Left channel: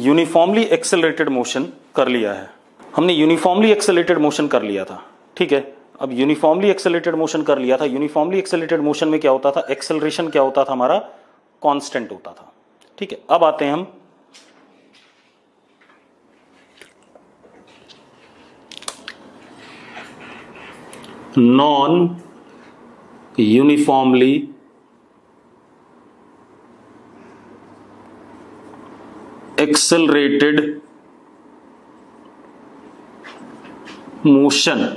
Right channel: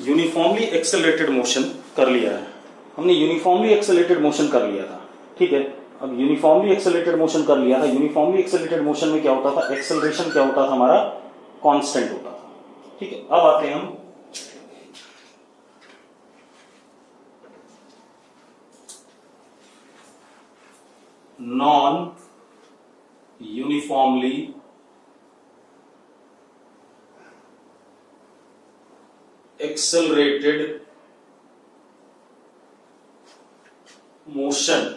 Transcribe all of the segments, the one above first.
Uniformly accelerated motion कर लिया है, हमने यूनिफॉर्मली एक्सेलरेटेड मोशन कर लिया था, ठीक है। अब यूनिफॉर्मली एक्सेलरेटेड मोशन कर लिया था, यूनिफॉर्मली एक्सेलरेटेड मोशन में क्या होता था, एक्सेलरेशन क्या होता था हमारा, कांस्टेंट होता था, ठीक है। अब आते हैं हम non uniformly accelerated motion,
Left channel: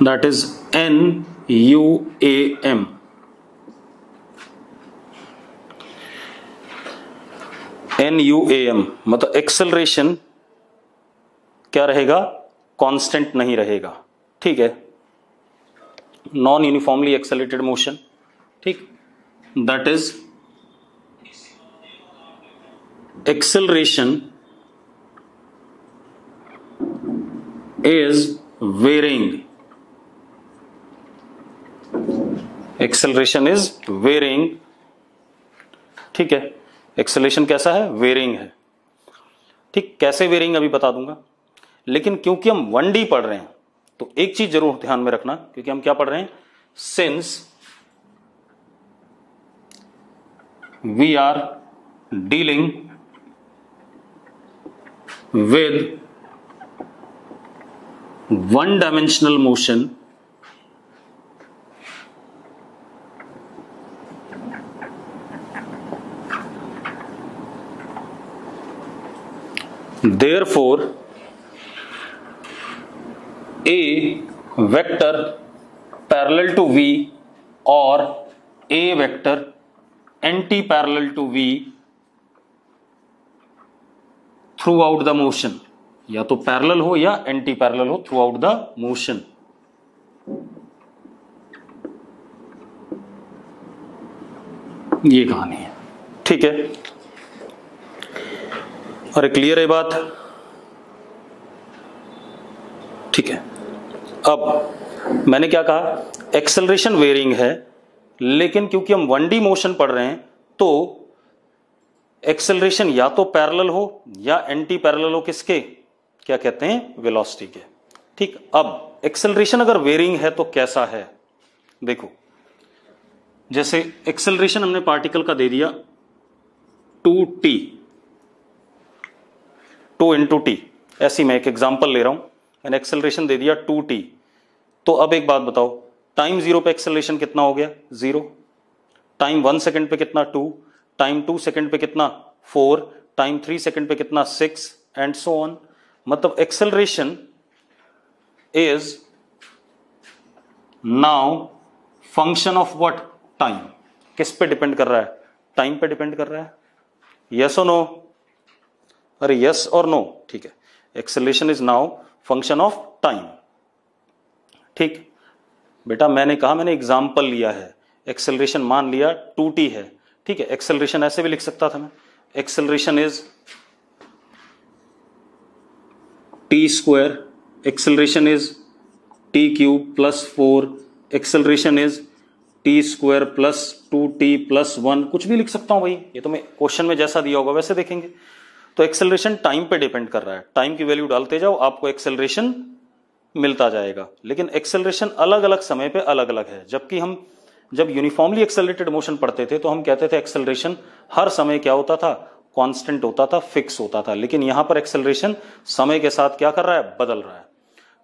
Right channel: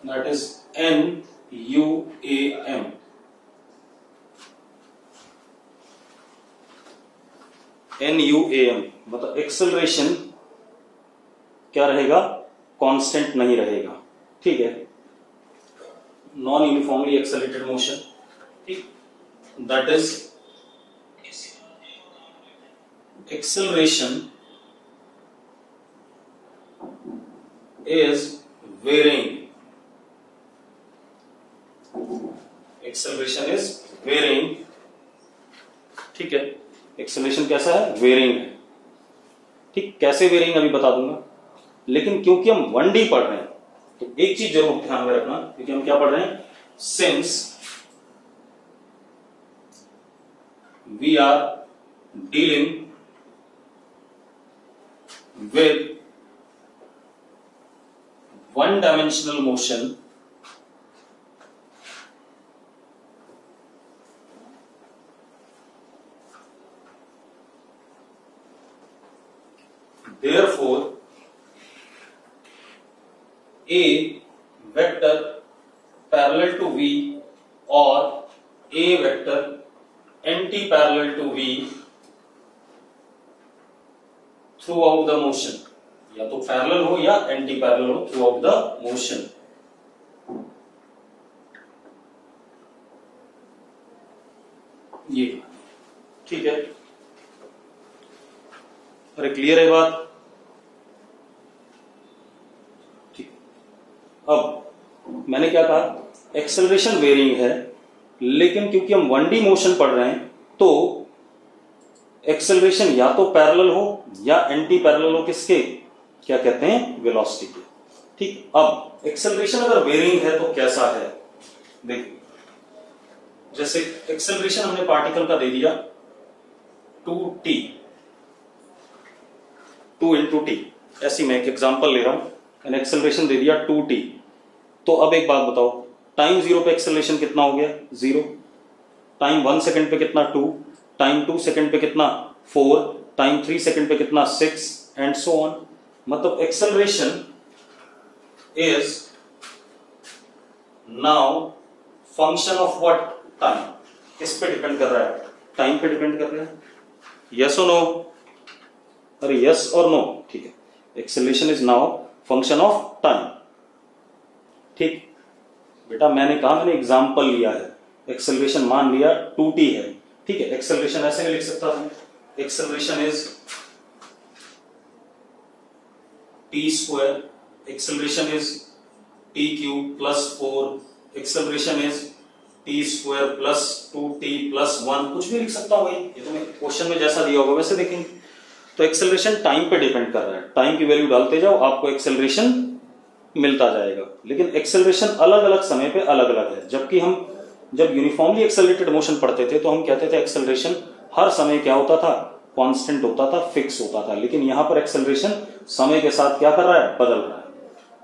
that is NUAM। NUAM मतलब एक्सेलरेशन क्या रहेगा, कांस्टेंट नहीं रहेगा, ठीक है। नॉन यूनिफॉर्मली एक्सेलरेटेड मोशन, ठीक, that is acceleration is varying, acceleration is varying, ठीक है। एक्सेलरेशन कैसा है, वेरिंग है, ठीक। कैसे वेरिंग अभी बता दूंगा, लेकिन क्योंकि हम 1D पढ़ रहे हैं तो एक चीज जरूर ध्यान में रखना, क्योंकि हम क्या पढ़ रहे हैं, since we are dealing with one dimensional motion, therefore a vector parallel to v or a vector anti-parallel to v throughout the motion, या तो पैरेलल हो या एंटी पैरेलल हो, थ्रू आउट द मोशन। ये कहानी है, ठीक है। अरे क्लियर है बात, ठीक है। अब मैंने क्या कहा, एक्सेलरेशन वेरिंग है, लेकिन क्योंकि हम 1D मोशन पढ़ रहे हैं तो एक्सेलरेशन या तो पैरेलल हो या एंटी पैरेलल हो, किसके, क्या कहते हैं, वेलोसिटी के, ठीक। अब एक्सेलरेशन अगर वेरिंग है तो कैसा है, देखो, जैसे एक्सेलरेशन हमने पार्टिकल का दे दिया 2t, 2 into t, ऐसी मैं एक एग्जांपल ले रहा हूं, मैंने एक्सेलरेशन दे दिया 2t। तो अब एक बात बताओ, टाइम 0 पे एक्सेलरेशन कितना हो गया, 0, टाइम 1 सेकंड पे कितना, 2, टाइम 2 सेकंड पे कितना, 4, टाइम 3 सेकंड पे कितना, 6 एंड सो ऑन। मतलब acceleration is now function of what, time. किस पे डिपेंड कर रहा है, टाइम पे डिपेंड कर रहा है, यस और नो, अरे यस और नो, ठीक है। Acceleration is now function of time, ठीक। बेटा मैंने कहा, मैंने एग्जांपल लिया है, एक्सेलरेशन मान लिया 2t है, ठीक है। एक्सेलरेशन ऐसे भी लिख सकता था मैं, acceleration is t square, acceleration is t cube plus 4, acceleration is t square plus 2t plus 1, कुछ भी लिख सकता हूं भाई, ये तो मैं क्वेश्चन में जैसा दिया होगा वैसे देखेंगे। तो एक्सेलरेशन टाइम पे डिपेंड कर रहा है, टाइम की वैल्यू डालते जाओ, आपको एक्सेलरेशन मिलता जाएगा। लेकिन एक्सेलरेशन अलग अलग समय पे अलग अलग है, जबकि हम जब यूनिफॉर्मली एक्सेलरेटेड मोशन पढ़ते थे तो हम कहते थे एक्सेलरेशन हर समय क्या होता था, कांस्टेंट होता था, फिक्स होता था। लेकिन यहां पर एक्सेलरेशन समय के साथ क्या कर रहा है, बदल रहा है।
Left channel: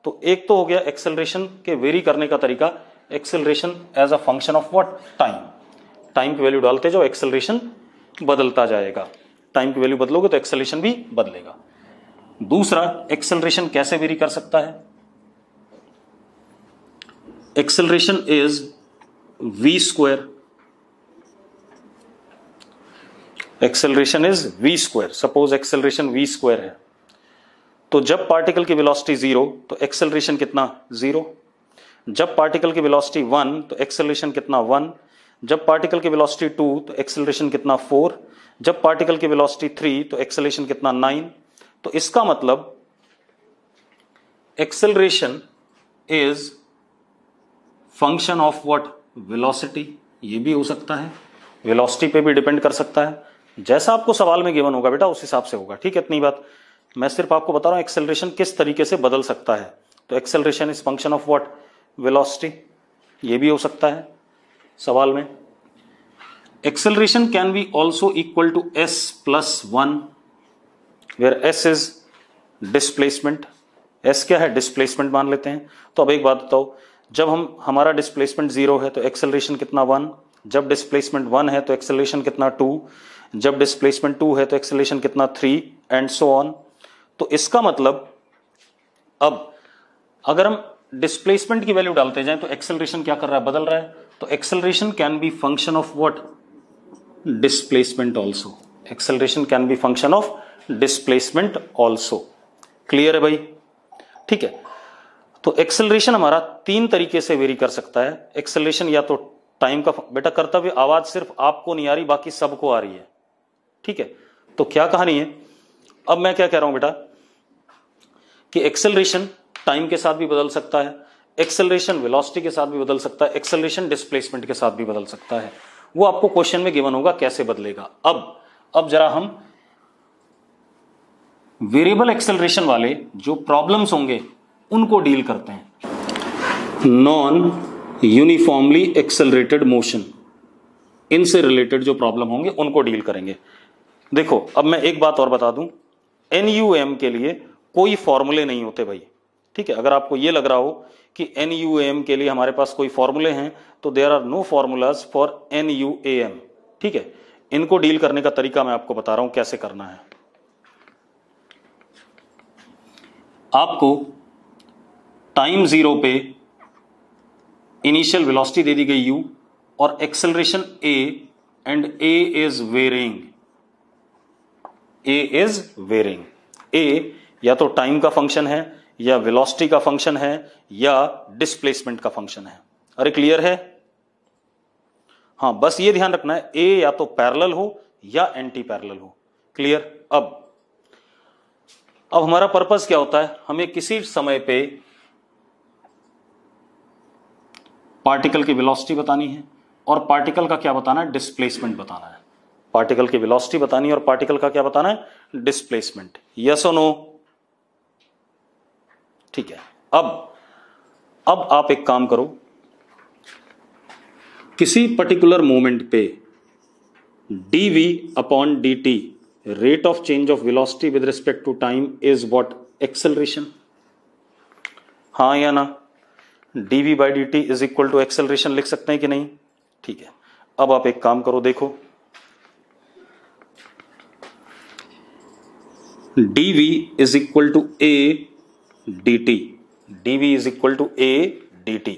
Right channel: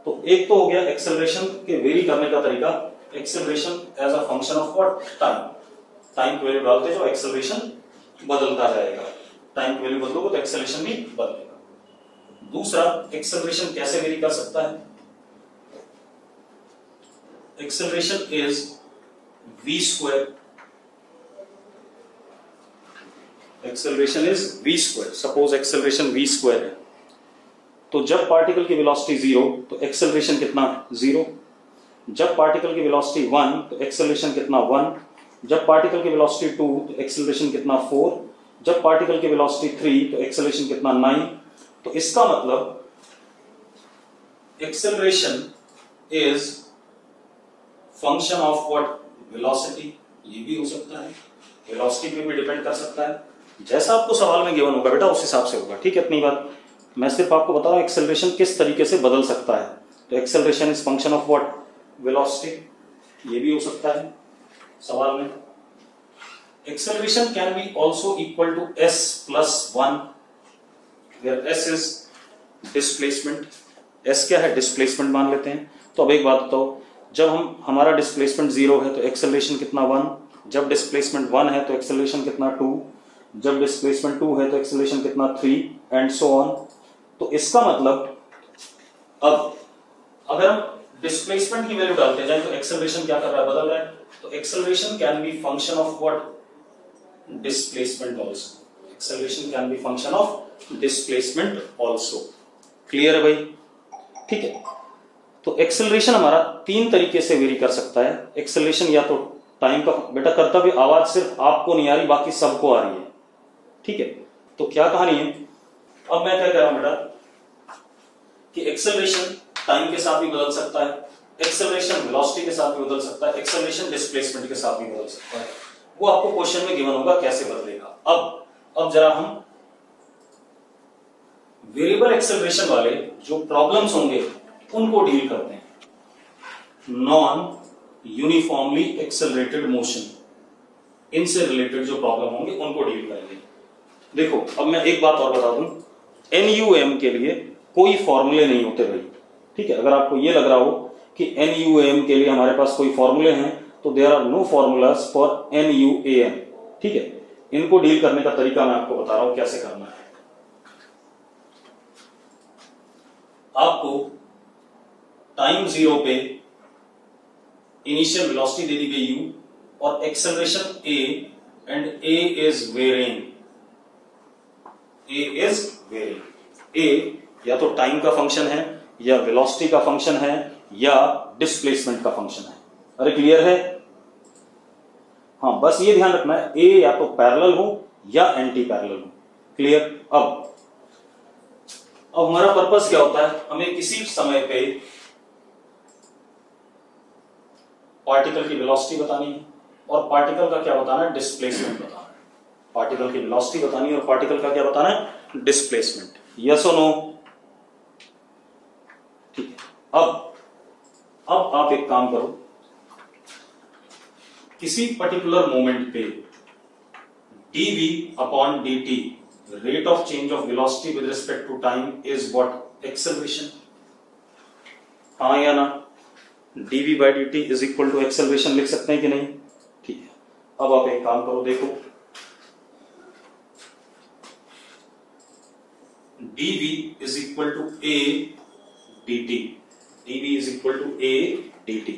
तो एक तो हो गया एक्सेलरेशन के वेरी करने का तरीका, acceleration as a function of what, time. Time की वैल्यू डालते जाओ, एक्सेलरेशन बदलता जाएगा, टाइम की वैल्यू बदलोगे तो एक्सेलरेशन भी बदलेगा। दूसरा, एक्सेलरेशन कैसे वेरी कर सकता है, acceleration is v square, acceleration is v square. Suppose acceleration v square है, तो जब पार्टिकल की वेलोसिटी 0 तो एक्सेलरेशन कितना, 0। जब पार्टिकल की वेलोसिटी 1 तो एक्सेलरेशन कितना, 1। जब पार्टिकल की वेलोसिटी 2 तो एक्सेलरेशन कितना, 4। जब पार्टिकल की वेलोसिटी 3 तो एक्सेलरेशन कितना, 9। तो इसका मतलब acceleration is function of what, velocity. ये भी हो सकता है, वेलोसिटी पे भी डिपेंड कर सकता है। जैसा आपको सवाल में गिवन होगा बेटा उस हिसाब से होगा, ठीक है। इतनी बात मैं सिर्फ आपको बता रहा हूं एक्सेलरेशन किस तरीके से बदल सकता है। तो acceleration is function of what, velocity. ये भी हो सकता है सवाल में। Acceleration can be also equal to s plus 1 where s is displacement. s क्या है, डिस्प्लेसमेंट मान लेते हैं। तो अब एक बात बताओ, जब हमारा डिस्प्लेसमेंट 0 है तो एक्सेलरेशन कितना 1, जब डिस्प्लेसमेंट 1 है तो एक्सेलरेशन कितना 2, जब डिस्प्लेसमेंट 2 है तो एक्सेलरेशन कितना 3 एंड सो ऑन। तो इसका मतलब अब अगर हम डिस्प्लेसमेंट की वैल्यू डालते जाएं तो एक्सेलरेशन क्या कर रहा है, बदल रहा है। तो acceleration can B function of what, displacement also. Acceleration can B function of displacement also. Clear है भाई, ठीक है। तो एक्सेलरेशन हमारा 3 तरीके से वेरी कर सकता है। एक्सेलरेशन या तो टाइम का, बेटा कर्तव्य आवाज सिर्फ आपको नहीं आ रही, बाकी सबको आ रही है, ठीक है। तो क्या कहानी है, अब मैं क्या कह रहा हूं बेटा कि एक्सेलरेशन टाइम के साथ भी बदल सकता है, एक्सेलरेशन वेलोसिटी के साथ भी बदल सकता है, एक्सेलरेशन डिस्प्लेसमेंट के साथ भी बदल सकता है। वो आपको क्वेश्चन में गिवन होगा कैसे बदलेगा। अब जरा हम वेरिएबल एक्सेलरेशन वाले जो प्रॉब्लम्स होंगे उनको डील करते हैं। नॉन यूनिफॉर्मली एक्सेलरेटेड मोशन, इनसे रिलेटेड जो प्रॉब्लम होंगे उनको डील करेंगे। देखो अब मैं एक बात और बता दूं, NUM के लिए कोई फॉर्मूले नहीं होते भाई, ठीक है। अगर आपको ये लग रहा हो कि NUM के लिए हमारे पास कोई फॉर्मूले हैं तो there are no formulas for NUAM, ठीक है। इनको डील करने का तरीका मैं आपको बता रहा हूं कैसे करना है। आपको टाइम 0 पे इनिशियल वेलोसिटी दे दी गई u और acceleration a and a is varying, a is varying. a या तो टाइम का फंक्शन है या वेलोसिटी का फंक्शन है या डिस्प्लेसमेंट का फंक्शन है। अरे क्लियर है, हाँ बस ये ध्यान रखना है a या तो पैरेलल हो या एंटी पैरेलल हो। क्लियर। अब हमारा पर्पस क्या होता है, हमें किसी समय पे पार्टिकल की वेलोसिटी बतानी है और पार्टिकल का क्या बताना है, डिस्प्लेसमेंट बताना है। पार्टिकल की वेलोसिटी बतानी है और पार्टिकल का क्या बताना है, डिस्प्लेसमेंट। यस और नो, ठीक है। अब आप एक काम करो, किसी पर्टिकुलर मोमेंट पे dv upon dt rate of change of velocity with respect to time is what, acceleration. हाँ या ना, dv by dt is equal to acceleration लिख सकते हैं कि नहीं, ठीक है। अब आप एक काम करो, देखो dv is equal to a dt, dv is equal to a dt,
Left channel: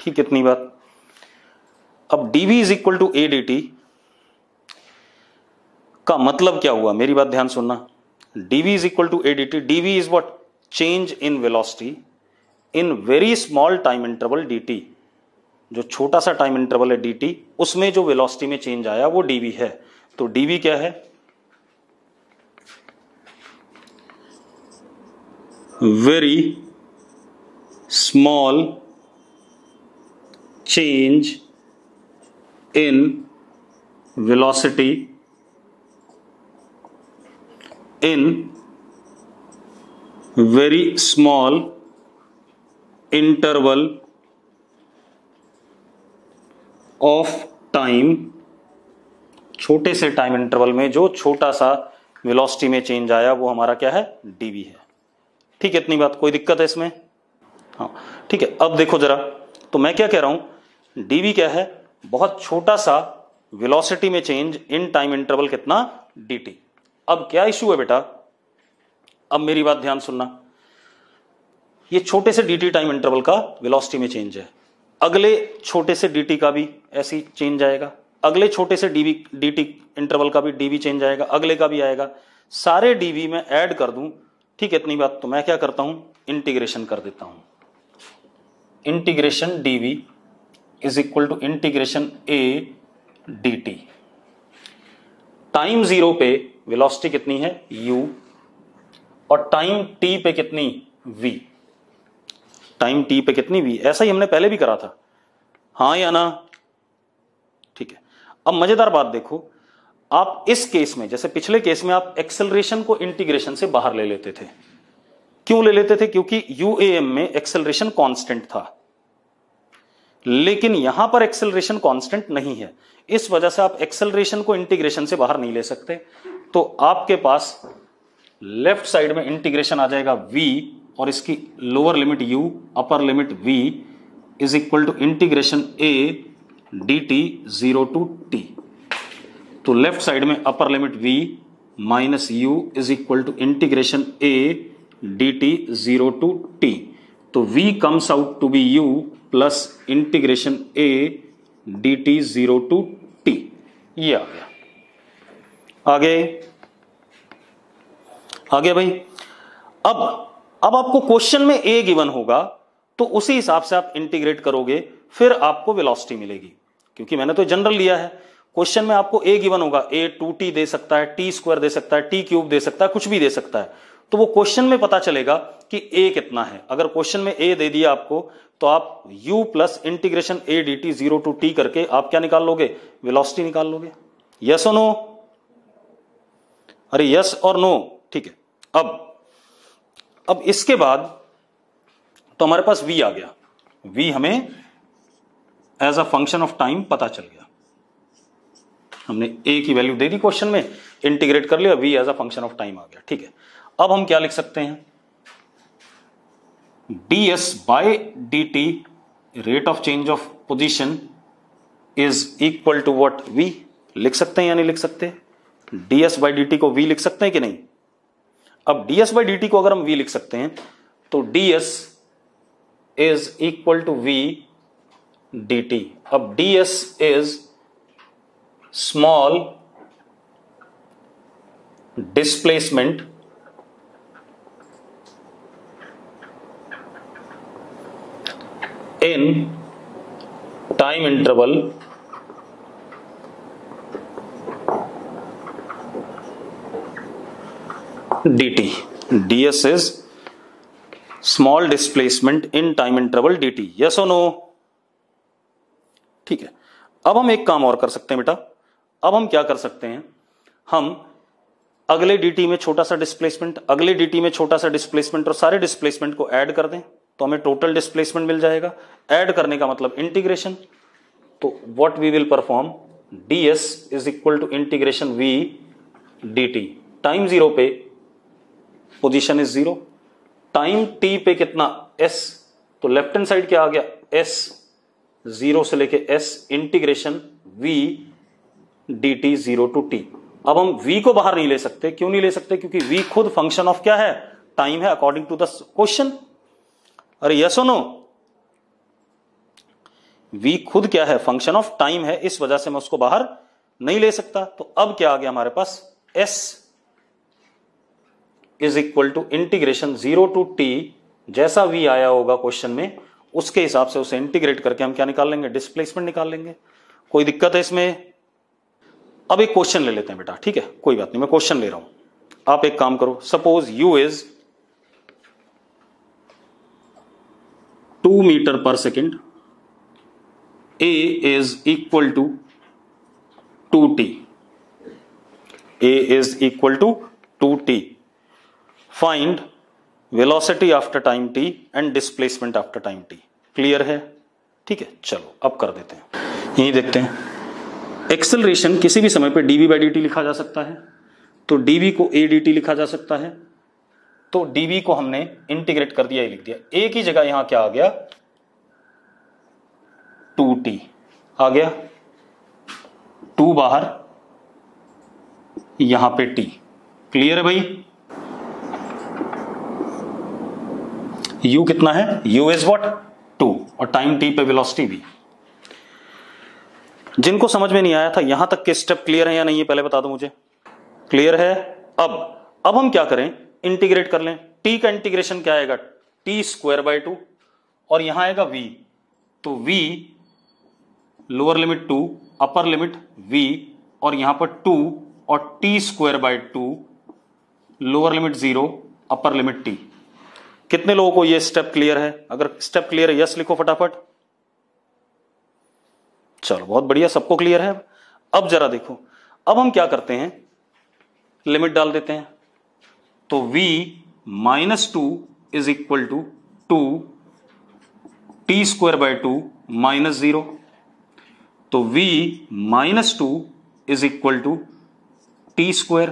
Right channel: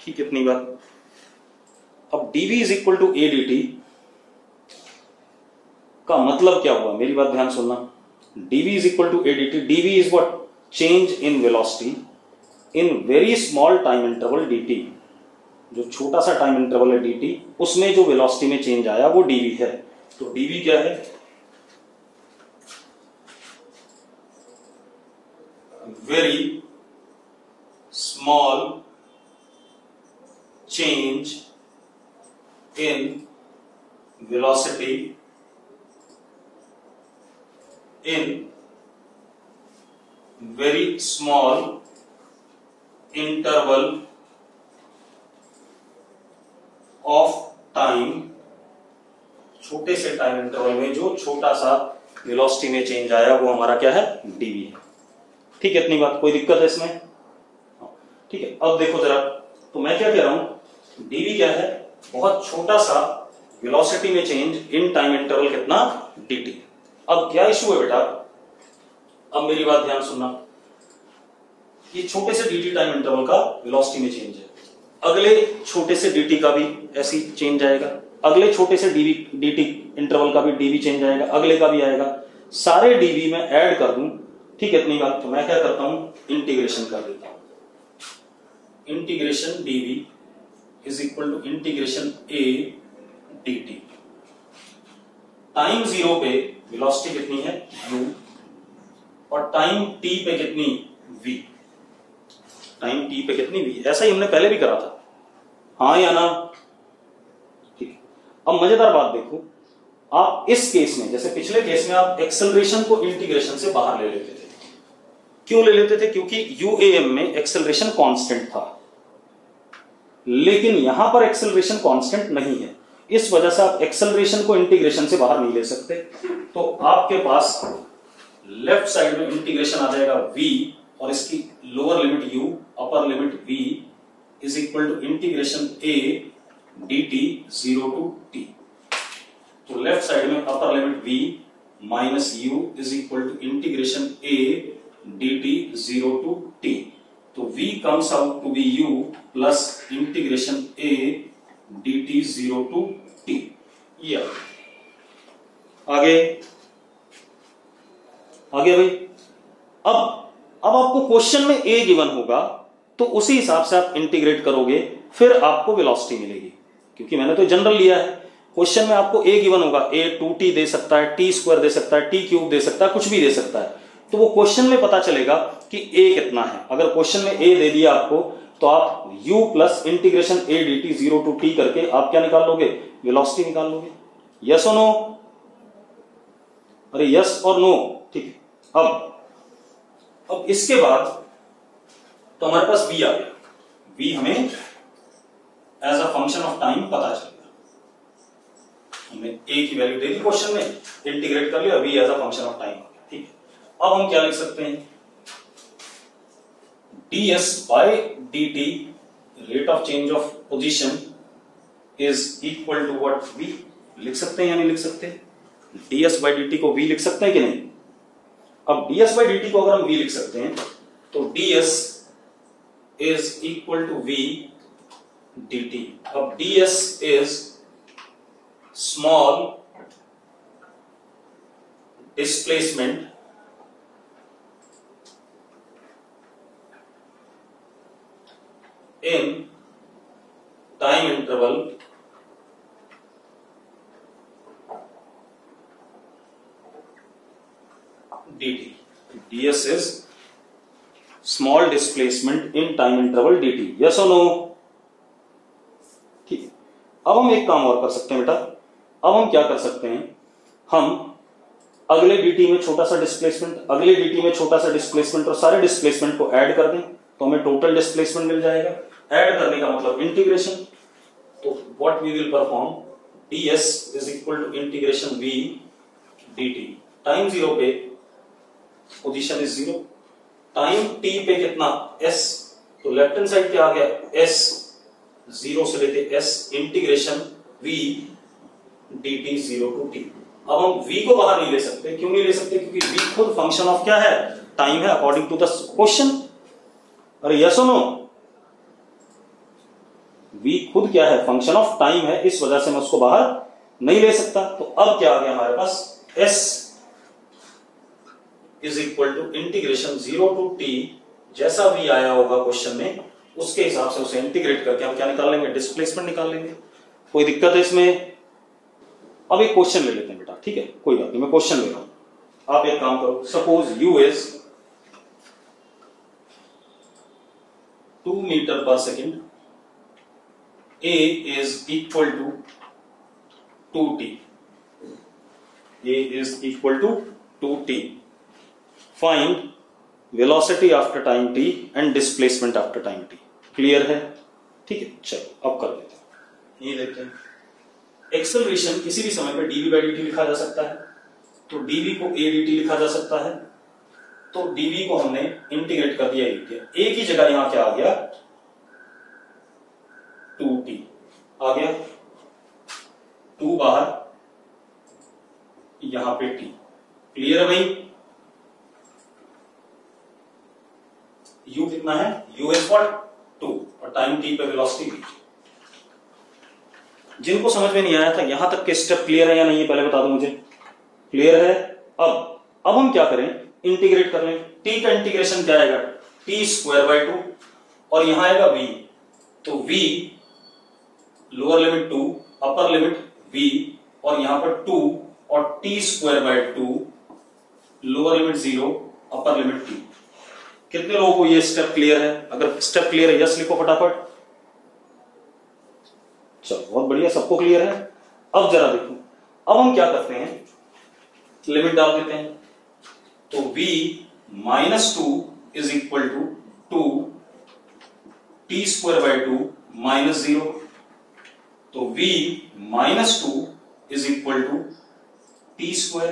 ठीक। इतनी बात। अब dv is equal to a dt का मतलब क्या हुआ, मेरी बात ध्यान सुनना। dv is equal to a dt, dv is what, change in velocity in very small time interval dt। जो छोटा सा टाइम इंटरवल है dt, उसमें जो वेलोसिटी में चेंज आया वो dv है। तो dv क्या है, very small change in velocity in very small interval of time, छोटे से टाइम इंटरवल में जो छोटा सा वेलोसिटी में चेंज आया वो हमारा क्या है, dv है, ठीक है। इतनी बात, कोई दिक्कत है इसमें, हाँ ठीक है। अब देखो जरा, तो मैं क्या कह रहा हूं, dv क्या है, बहुत छोटा सा वेलोसिटी में चेंज इन टाइम इंटरवल कितना, dt। अब क्या इशू है बेटा, अब मेरी बात ध्यान सुनना, ये छोटे से dt टाइम इंटरवल का वेलोसिटी में चेंज है, अगले छोटे से dt का भी ऐसी चेंज आएगा, अगले छोटे से dt इंटरवल का भी dv चेंज आएगा, अगले का भी आएगा, सारे dv में ऐड कर दूं, ठीक है। इतनी बात। तो मैं क्या करता हूं, इंटीग्रेशन कर देता हूं। Integration dv is equal to integration a dt। Time 0 पे वेलोसिटी कितनी है, u, और टाइम t पे कितनी, v। टाइम t पे कितनी v, ऐसा ही हमने पहले भी करा था, हाँ या ना, ठीक है। अब मजेदार बात देखो, आप इस केस में, जैसे पिछले केस में आप एक्सेलरेशन को इंटीग्रेशन से बाहर ले लेते थे। क्यों ले लेते थे? क्योंकि यूएएम में एक्सेलरेशन कांस्टेंट था, लेकिन यहां पर एक्सेलरेशन कांस्टेंट नहीं है, इस वजह से आप एक्सेलरेशन को इंटीग्रेशन से बाहर नहीं ले सकते। तो आपके पास लेफ्ट साइड में इंटीग्रेशन आ जाएगा v, और इसकी lower limit u, upper limit v is equal to integration a dt 0 to t। तो लेफ्ट साइड में upper limit v minus u is equal to integration a dt 0 to t। तो v comes out to be u plus integration a dt 0 to t। ये आगे आगे भाई, अब आपको question में a गिवन होगा, तो उसी हिसाब से आप इंटीग्रेट करोगे, फिर आपको वेलोसिटी मिलेगी। क्योंकि मैंने तो जनरल लिया है, क्वेश्चन में आपको a गिवन होगा, a 2t दे सकता है, t स्क्वायर दे सकता है, t क्यूब दे सकता है, कुछ भी दे सकता है। तो वो क्वेश्चन में पता चलेगा कि a कितना है। अगर क्वेश्चन में a दे दिया आपको, तो आप u plus integration a dt 0 to t करके आप क्या निकाल लोगे? वेलोसिटी निकाल लोगे। यस और नो? अरे यस और नो, ठीक है। अब इसके बाद तो हमारे पास v आ गया, v हमें as a function of time पता चल गया। हमने a की वैल्यू दे दी क्वेश्चन में, इंटीग्रेट कर लिया, v as a function of time आ गया, ठीक है। अब हम क्या लिख सकते हैं? ds by dt rate of change of position is equal to what? v। लिख सकते हैं या नहीं लिख सकते? ds बाय dt को v लिख सकते हैं कि नहीं? अब ds बाई dt को अगर हम v लिख सकते हैं, तो ds is equal to v dt। अब ds is small displacement in time interval dt। ds is small displacement in time interval dt। yes or no? ठीक है। अब हम एक काम और कर सकते हैं बेटा। अब हम क्या कर सकते हैं? हम अगले dt में छोटा सा डिस्प्लेसमेंट, अगले dt में छोटा सा डिस्प्लेसमेंट, और सारे डिस्प्लेसमेंट को ऐड कर दें, तो हमें टोटल डिस्प्लेसमेंट मिल जाएगा। ऐड करने का मतलब इंटीग्रेशन। तो what we will perform? ds is equal to integration v dt। Time zero पे position is zero, time t पे कितना? s। तो लेफ्ट हैंड साइड क्या आ गया? s, जीरो से लेके s integration v dt 0 to t। अब हम v को बाहर नहीं ले सकते। क्यों नहीं ले सकते? क्योंकि v खुद फंक्शन ऑफ क्या है? टाइम है, अकॉर्डिंग टू द क्वेश्चन। अरे यस और नो? v खुद क्या है? फंक्शन ऑफ टाइम है, इस वजह से मैं उसको बाहर नहीं ले सकता। तो अब क्या आ गया हमारे पास? s is equal to integration 0 to t, जैसा v आया होगा क्वेश्चन में, उसके हिसाब से उसे इंटीग्रेट करके हम क्या निकाल लेंगे? डिस्प्लेसमेंट निकाल लेंगे। कोई दिक्कत है इसमें? अब एक क्वेश्चन ले लेते हैं बेटा, ठीक है, कोई बात नहीं, मैं क्वेश्चन ले रहा हूं। आप एक काम करो, suppose u is 2 metre per second, a is equal to 2t, a is equal to 2t। Find velocity after time t and displacement after time t। Clear है? ठीक है, चलो अब कर देते हैं। यही देखते हैं। एक्सेलरेशन किसी भी समय पे dv बाई dt लिखा जा सकता है, तो dv को a dt लिखा जा सकता है। तो dv को हमने इंटीग्रेट कर दिया, लिख दिया। a की जगह यहां क्या आ गया? 2t आ गया, 2 बाहर, यहां पे t। क्लियर है भाई? u कितना है? u is what? 2, और टाइम t पे वेलोसिटी v। जिनको समझ में नहीं आया था, यहां तक के स्टेप क्लियर है या नहीं है पहले बता दो मुझे। क्लियर है? अब हम क्या करें? इंटीग्रेट कर लें। t का इंटीग्रेशन क्या आएगा? t स्क्वायर बाय 2, और यहां आएगा v। तो v लोअर लिमिट 2, अपर लिमिट v, और यहां पर 2 और t square by 2, lower limit 0, upper limit t। कितने लोगों को ये स्टेप क्लियर है? अगर स्टेप क्लियर है यस लिखो फटाफट। चलो बहुत बढ़िया, सबको क्लियर है। अब जरा देखो, अब हम क्या करते हैं, लिमिट डाल देते हैं। तो v minus 2 is equal to 2 t square by 2 minus 0। तो v minus 2 is equal to t square,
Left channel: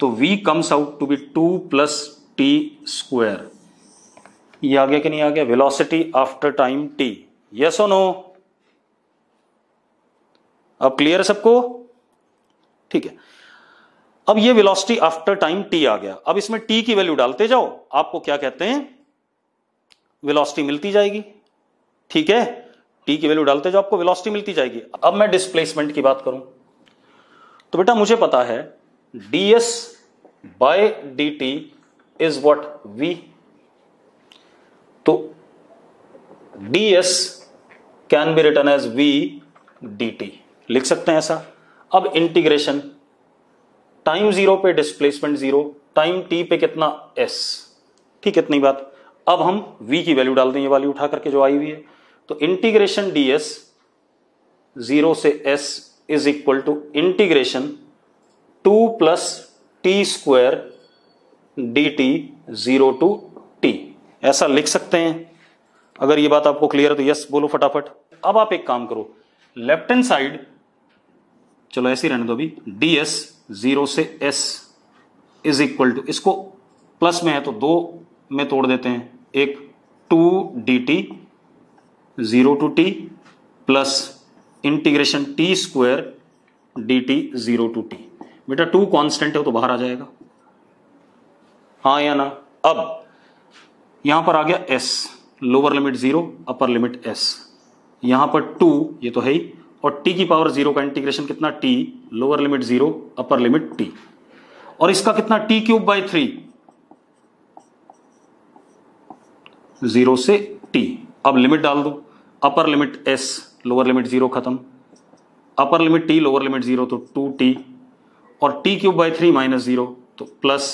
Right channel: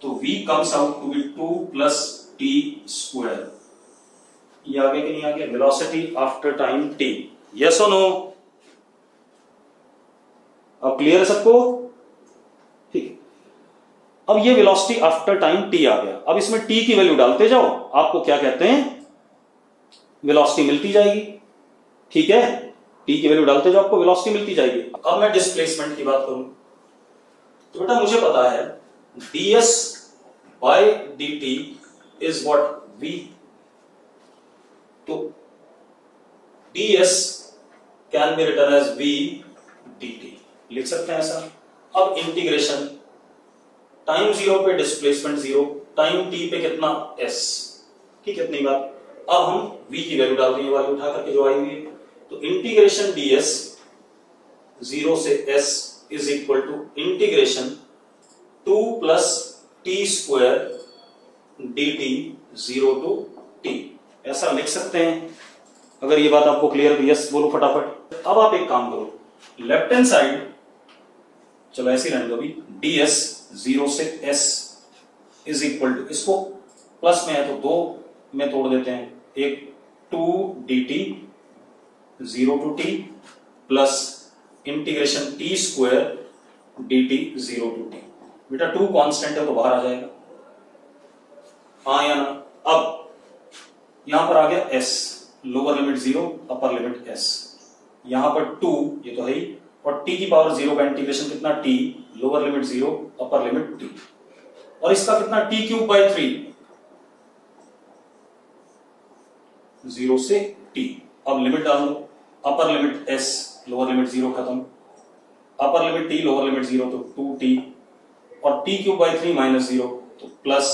तो v comes out to be 2 plus t square. ये आ गया कि नहीं आ गया, velocity after time t, yes और नो? अब क्लियर है सबको? ठीक है, अब ये वेलोसिटी आफ्टर टाइम t आ गया। अब इसमें t की वैल्यू डालते जाओ, आपको क्या कहते हैं, वेलोसिटी मिलती जाएगी। ठीक है, t की वैल्यू डालते जाओ, आपको वेलोसिटी मिलती जाएगी। अब मैं डिस्प्लेसमेंट की बात करूं तो बेटा मुझे पता है ds by dt is what, v। तो ds can be written as v dt, लिख सकते हैं ऐसा। अब इंटीग्रेशन, टाइम 0 पे डिस्प्लेसमेंट 0, टाइम t पे कितना, s। ठीक है, इतनी बात। अब हम v की वैल्यू डाल दें, ये वाली उठा करके जो आई हुई है। तो इंटीग्रेशन ds 0 से s is equal to integration 2 plus t square dt 0 to t, ऐसा लिख सकते हैं। अगर ये बात आपको क्लियर है तो यस बोलो फटाफट। अब आप एक काम करो, लेफ्ट हैंड साइड, चलो ऐसे ही रहने दो भी, ds 0 से s इज इक्वल टू, इसको प्लस में है तो 2 में तोड़ देते हैं, एक 2 dt 0 to t plus integration t square dt 0 to t। बेटा 2 कांस्टेंट है तो बाहर आ जाएगा, हाँ या ना? अब यहां पर आ गया s, lower limit 0 upper limit s, यहां पर 2 ये तो है ही, और t की पावर 0 का इंटीग्रेशन कितना, t lower limit 0 upper limit t, और इसका कितना t क्यूब बाय 3 0 से t। अब लिमिट डाल दो, upper limit s lower limit 0 खत्म, upper limit t lower limit 0 तो 2t, और t क्यूब बाय 3 माइनस 0 तो प्लस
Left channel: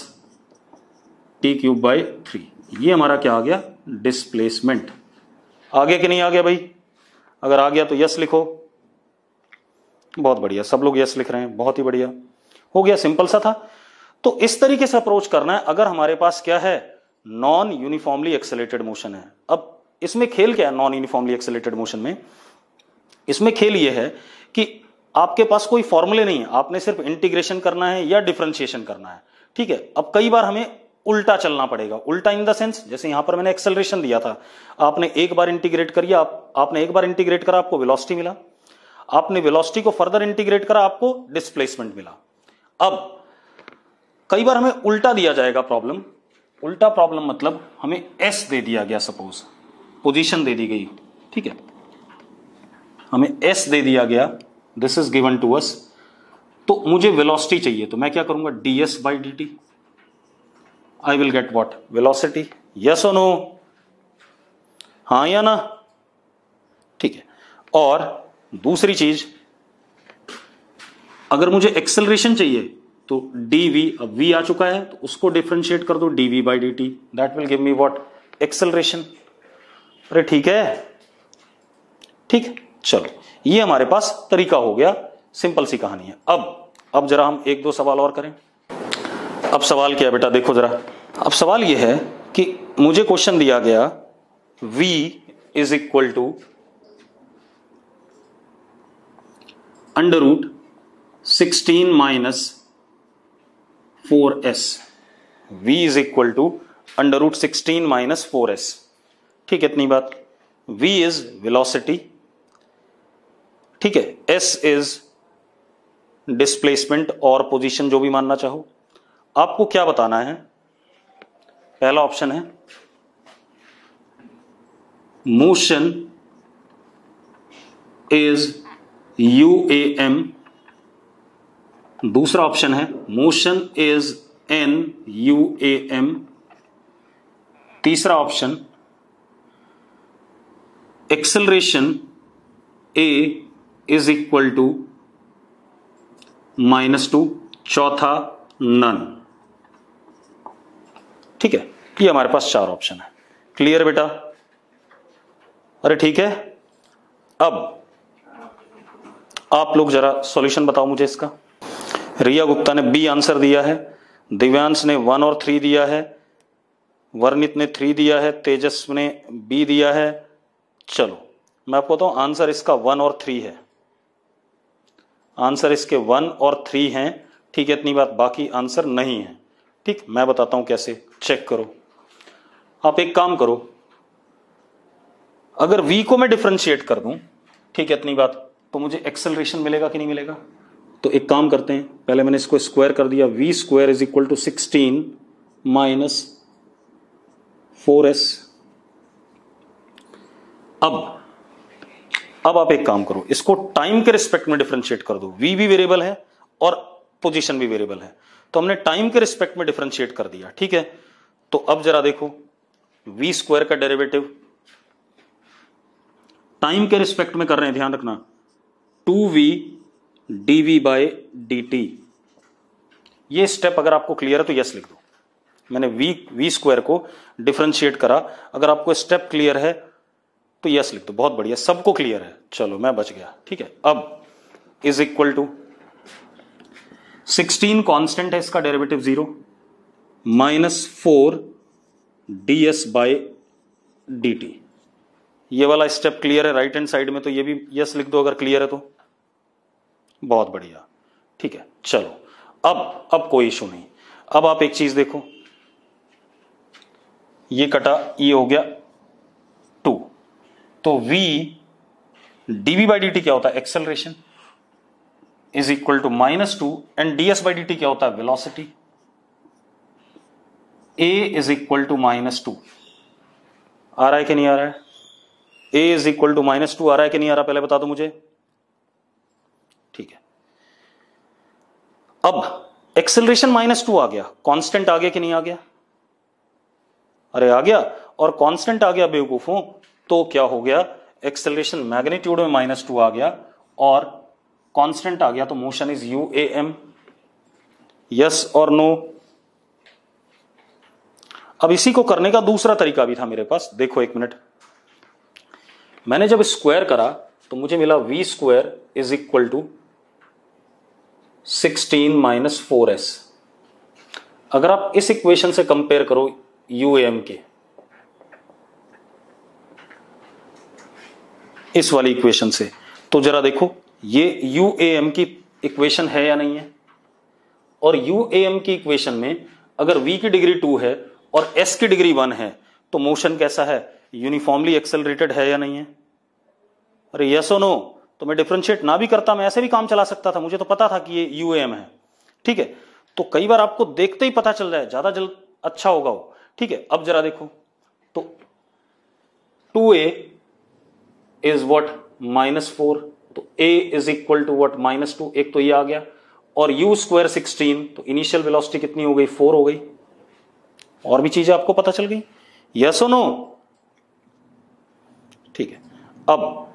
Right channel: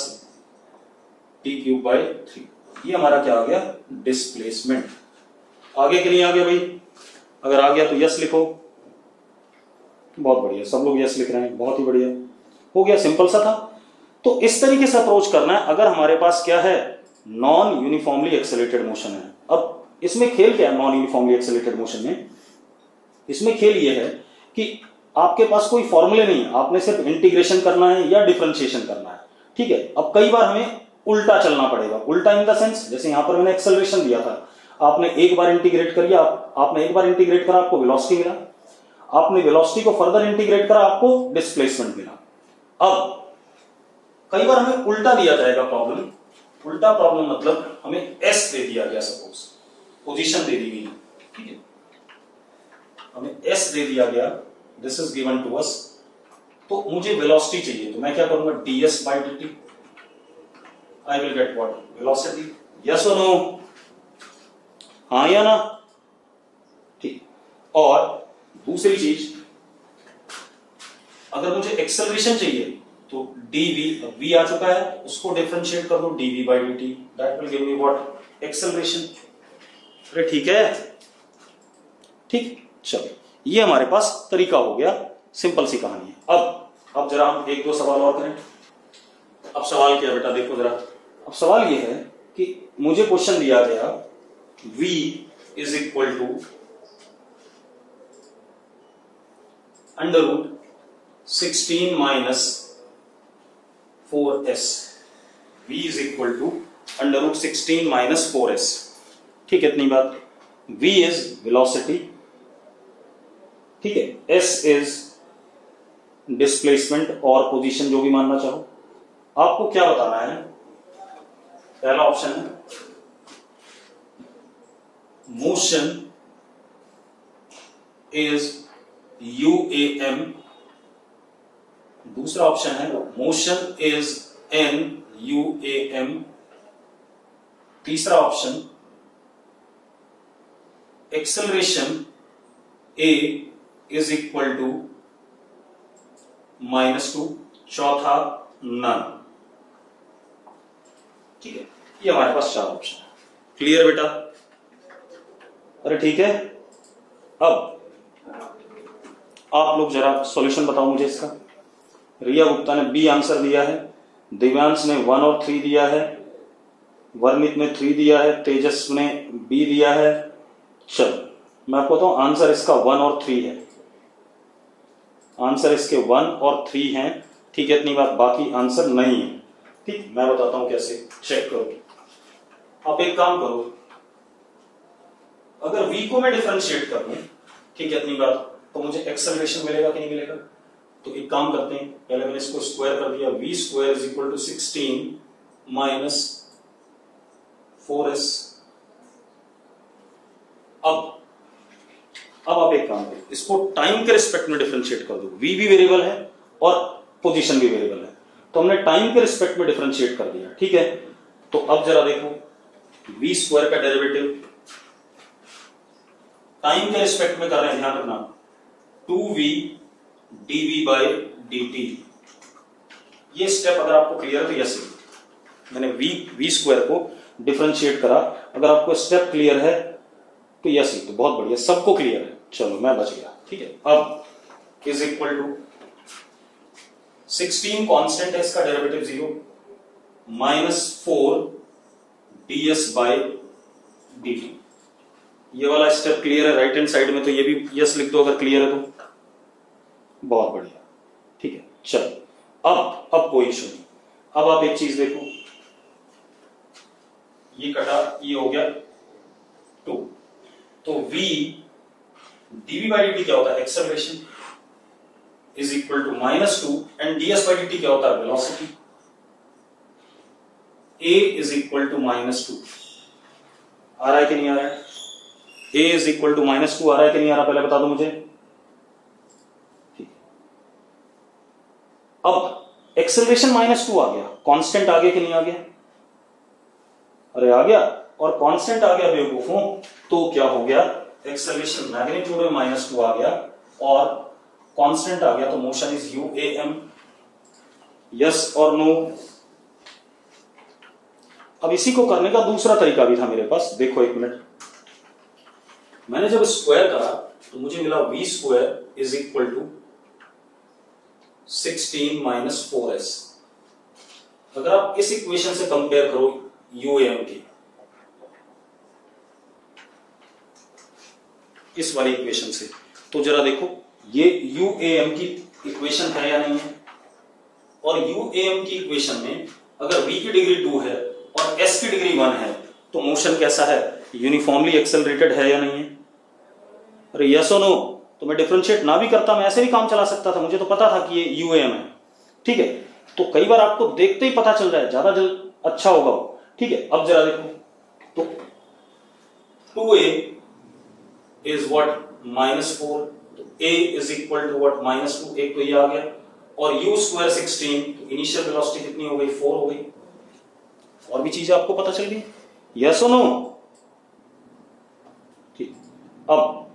t क्यूब बाय 3। ये हमारा क्या आ गया, डिस्प्लेसमेंट। आ गया कि नहीं आ गया भाई? अगर आ गया तो यस लिखो। बहुत बढ़िया, सब लोग यस लिख रहे हैं, बहुत ही बढ़िया, हो गया, सिंपल सा था। तो इस तरीके से अप्रोच करना है अगर हमारे पास क्या है, नॉन यूनिफॉर्मली एक्सेलरेटेड मोशन है। अब इसमें खेल क्या है नॉन यूनिफॉर्मली एक्सेलरेटेड मोशन में? इसमें खेल ये है कि आपके पास कोई फॉर्मूले नहीं है, आपने सिर्फ इंटीग्रेशन करना है या डिफरेंशिएशन करना है। ठीक है, अब कई बार हमें उल्टा चलना पड़ेगा, उल्टा इन द सेंस, जैसे यहां पर मैंने एक्सेलरेशन दिया था, आपने एक बार इंटीग्रेट कर दिया, आपने एक बार इंटीग्रेट करा, आपको वेलोसिटी मिला, आपने वेलोसिटी को फर्दर इंटीग्रेट करा, आपको डिस्प्लेसमेंट मिला। अब कई बार हमें उल्टा दिया जाएगा प्रॉब्लम, उल्टा प्रॉब्लम मतलब हमें s दे दिया गया, सपोज पोजीशन दे दी गई, ठीक है, हमें s दे दिया गया, this is given to us, तो मुझे वेलोसिटी चाहिए, तो मैं क्या करूंगा, ds by dt, I will get what, velocity. Yes और नो, हाँ या ना? ठीक है, और दूसरी चीज, अगर मुझे एक्सेलरेशन चाहिए तो dv, अब v आ चुका है तो उसको डिफरेंशिएट कर दो, dv by dt, that will give me what, acceleration. अरे ठीक है, ठीक, चलो ये हमारे पास तरीका हो गया, सिंपल सी कहानी है। अब जरा हम एक दो सवाल और करें। अब सवाल क्या है बेटा, देखो जरा, अब सवाल यह है कि मुझे क्वेश्चन दिया गया v is equal to under root 16 minus 4s, v is equal to under root 16 minus 4s। ठीक है, इतनी बात। v इज वेलोसिटी, ठीक है, s इज डिस्प्लेसमेंट और पोजीशन, जो भी मानना चाहो। आपको क्या बताना है, पहला ऑप्शन है मोशन इज UAM, दूसरा ऑप्शन है मोशन इज NUAM, तीसरा option acceleration A is equal to -2, चौथा नन। ठीक है, ये हमारे पास 4 ऑप्शन है। क्लियर बेटा? अरे ठीक है, अब आप लोग जरा सॉल्यूशन बताओ मुझे इसका। रिया गुप्ता ने बी आंसर दिया है, दिव्यांश ने 1 और 3 दिया है, वर्णित ने 3 दिया है, तेजस ने बी दिया है। चलो मैं आपको बताऊं, आंसर इसका 1 और 3 है, आंसर इसके 1 और 3 हैं। ठीक है, इतनी बात, बाकी आंसर नहीं है। ठीक, मैं बताता हूं कैसे, चेक करो। आप एक काम करो, अगर v को मैं डिफरेंशिएट कर दूं, ठीक है, इतनी बात, तो मुझे एक्सेलरेशन मिलेगा कि नहीं मिलेगा? तो एक काम करते हैं, पहले मैंने इसको स्क्वायर कर दिया, v square is equal to 16 minus 4s। अब आप एक काम करो, इसको टाइम के रिस्पेक्ट में डिफरेंशिएट कर दो। v भी वेरिएबल है और पोजीशन भी वेरिएबल है, तो हमने टाइम के रिस्पेक्ट में डिफरेंशिएट कर दिया। ठीक है, तो अब जरा देखो, v स्क्वायर का डेरिवेटिव टाइम के रिस्पेक्ट में कर रहे हैं, ध्यान रखना, 2v dv बाय dt। ये स्टेप अगर आपको क्लियर है तो यस लिख दो। मैंने v स्क्वायर को डिफरेंशिएट करा, अगर आपको स्टेप क्लियर है तो यस लिख दो। बहुत बढ़िया, सबको क्लियर है, चलो मैं बच गया। ठीक है, अब इज इक्वल टू 16 कांस्टेंट है, इसका derivative 0 minus 4 ds by dt। ये वाला स्टेप क्लियर है राइट हैंड साइड में, तो ये भी यस लिख दो अगर क्लियर है तो। बहुत बढ़िया, ठीक है, चलो अब कोई इशू नहीं। अब आप एक चीज देखो, ये कटा, ये हो गया 2, तो v dv बाई dt क्या होता है? Acceleration is equal to -2 and ds by dt क्या होता है? Velocity. a is equal to -2 आ रहा है कि नहीं आ रहा है? a इज इक्वल टू -2 आ रहा है कि नहीं आ रहा, पहले बता दो मुझे। ठीक है, अब एक्सेलरेशन -2 आ गया, कांस्टेंट आ गया कि नहीं आ गया? अरे आ गया, और कांस्टेंट आ गया बेवकूफों, तो क्या हो गया? एक्सेलरेशन मैग्नीट्यूड में -2 आ गया और कांस्टेंट आ गया, तो मोशन इज UAM। यस और नो? अब इसी को करने का दूसरा तरीका भी था मेरे पास, देखो एक मिनट। मैंने जब स्क्वायर करा तो मुझे मिला v square is equal to 16 minus 4s। अगर आप इस इक्वेशन से कंपेयर करो UAM के, इस वाली इक्वेशन से, तो जरा देखो ये UAM की इक्वेशन है या नहीं है? और UAM की इक्वेशन में अगर v की डिग्री 2 है और s की डिग्री 1 है, तो मोशन कैसा है? यूनिफॉर्मली एक्सेलरेटेड है या नहीं है? अरे यस और नो? तो मैं डिफरेंशिएट ना भी करता, मैं ऐसा भी काम चला सकता था, मुझे तो पता था कि ये UAM है। ठीक है, तो कई बार आपको देखते ही पता चल रहा है, ज्यादा जल्द अच्छा होगा वो। ठीक है, अब जरा देखो, तो 2a इज व्हाट? -4, तो a is equal to what? -2। एक तो ये आ गया, और u स्क्वायर 16, तो इनिशियल वेलोसिटी कितनी हो गई? 4 हो गई। और भी चीजें आपको पता चल गई, यस और नो? ठीक है, अब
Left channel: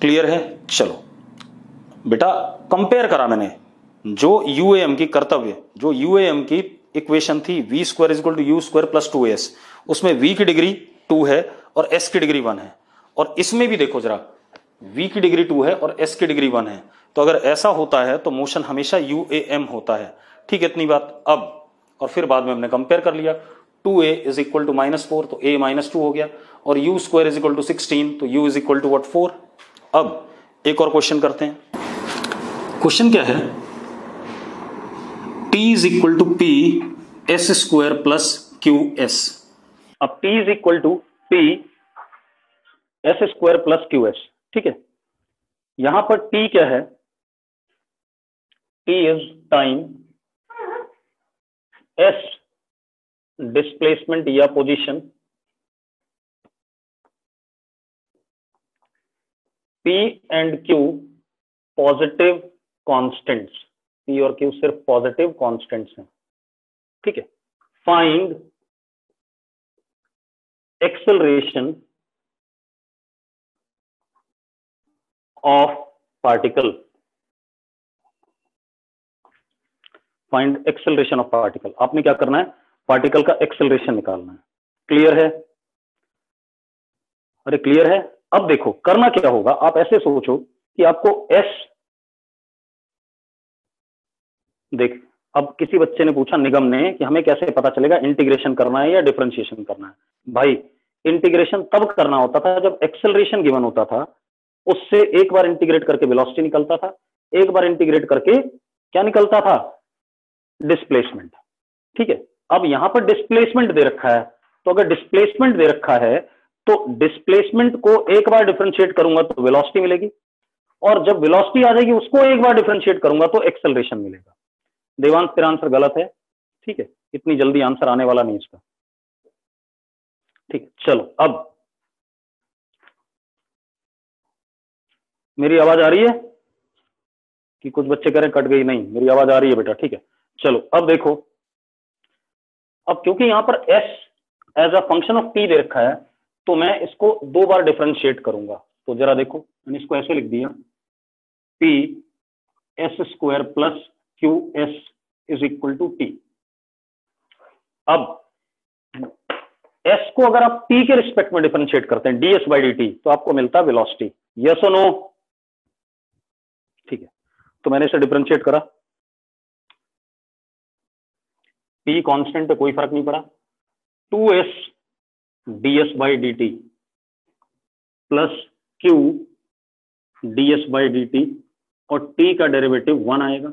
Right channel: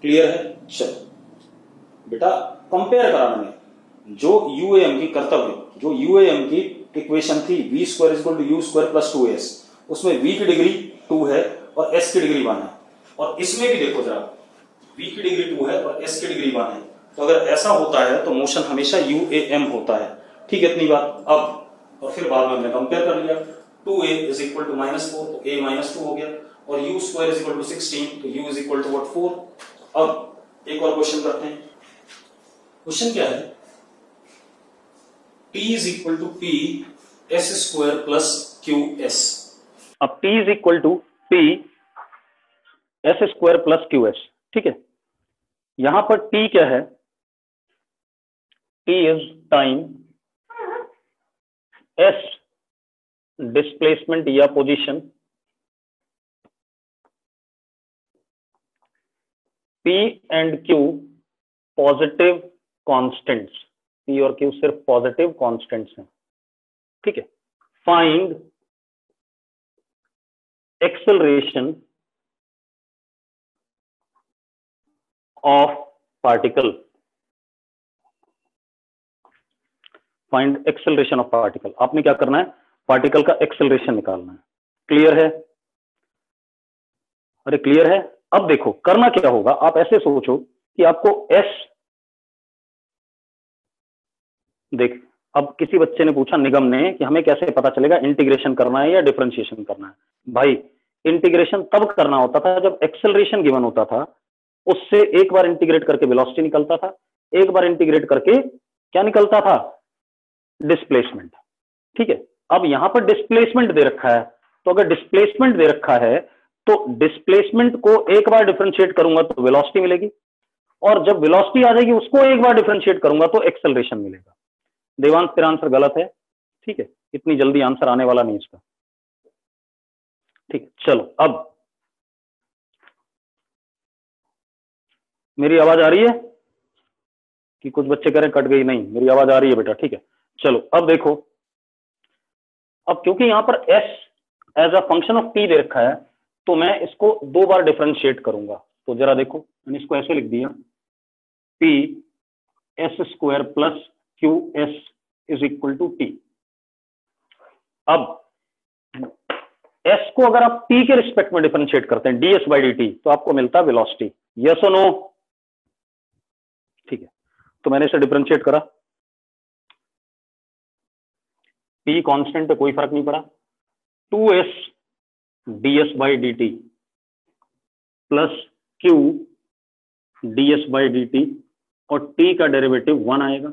क्लियर है? चलो बेटा, कंपेयर करा मैंने जो UAM की कर्तव्य, जो UAM की इक्वेशन थी v square is equal to u square plus 2s, उसमें v की डिग्री 2 है और s की डिग्री 1 है, और इसमें भी देखो जरा, v की डिग्री 2 है और s की डिग्री 1 है, तो अगर ऐसा होता है तो मोशन हमेशा UAM होता है। ठीक है, इतनी बात। अब और फिर बाद में हमने कंपेयर कर लिया, 2a इज इक्वल टू -4, तो a -2 हो गया, और u square is equal to 16, तो u is equal to what? 4। अब एक और क्वेश्चन करते हैं। क्वेश्चन क्या है? t is equal to p s square plus QS। अब t is equal to p s square plus QS। ठीक है, यहां पर t क्या है? t is time, s displacement या position, P and Q positive constants, P और Q सिर्फ पॉजिटिव कांस्टेंट्स हैं। ठीक है, find acceleration of particle, find acceleration of particle. आपने क्या करना है? पार्टिकल का एक्सेलरेशन निकालना है। क्लियर है? अरे क्लियर है? अब देखो करना क्या होगा, आप ऐसे सोचो कि आपको s देख, अब किसी बच्चे ने पूछा निगम ने कि हमें कैसे पता चलेगा इंटीग्रेशन करना है या डिफरेंशिएशन करना है। भाई इंटीग्रेशन तब करना होता था जब एक्सेलरेशन गिवन होता था, उससे एक बार इंटीग्रेट करके वेलोसिटी निकलता था, एक बार इंटीग्रेट करके क्या निकलता था, डिस्प्लेसमेंट। ठीक है, अब यहां पर डिस्प्लेसमेंट दे रखा है, तो अगर डिस्प्लेसमेंट दे रखा है तो डिस्प्लेसमेंट को एक बार डिफरेंशिएट करूंगा तो वेलोसिटी मिलेगी, और जब वेलोसिटी आ जाएगी उसको एक बार डिफरेंशिएट करूंगा तो एक्सेलरेशन मिलेगा। देवांश तेरा आंसर गलत है। ठीक है, इतनी जल्दी आंसर आने वाला नहीं इसका। ठीक, चलो अब मेरी आवाज आ रही है कि कुछ बच्चे कह रहे कट गई? नहीं, मेरी आवाज आ रही है बेटा। ठीक है, चलो अब देखो, अब क्योंकि यहां पर s as a function of t दे रखा है तो मैं इसको दो बार डिफरेंशिएट करूंगा। तो जरा देखो, मैंने इसको ऐसे लिख दिया, p s square plus q s is equal to t. अब s को अगर आप t के रिस्पेक्ट में डिफरेंशिएट करते हैं ds बाई dt तो आपको मिलता है वेलोसिटी। यस और नो? ठीक है, तो मैंने इसे डिफरेंशिएट करा, p कांस्टेंट है, कोई फर्क नहीं पड़ा, 2s ds by d T plus q ds by d T, और t का डेरिवेटिव 1 आएगा।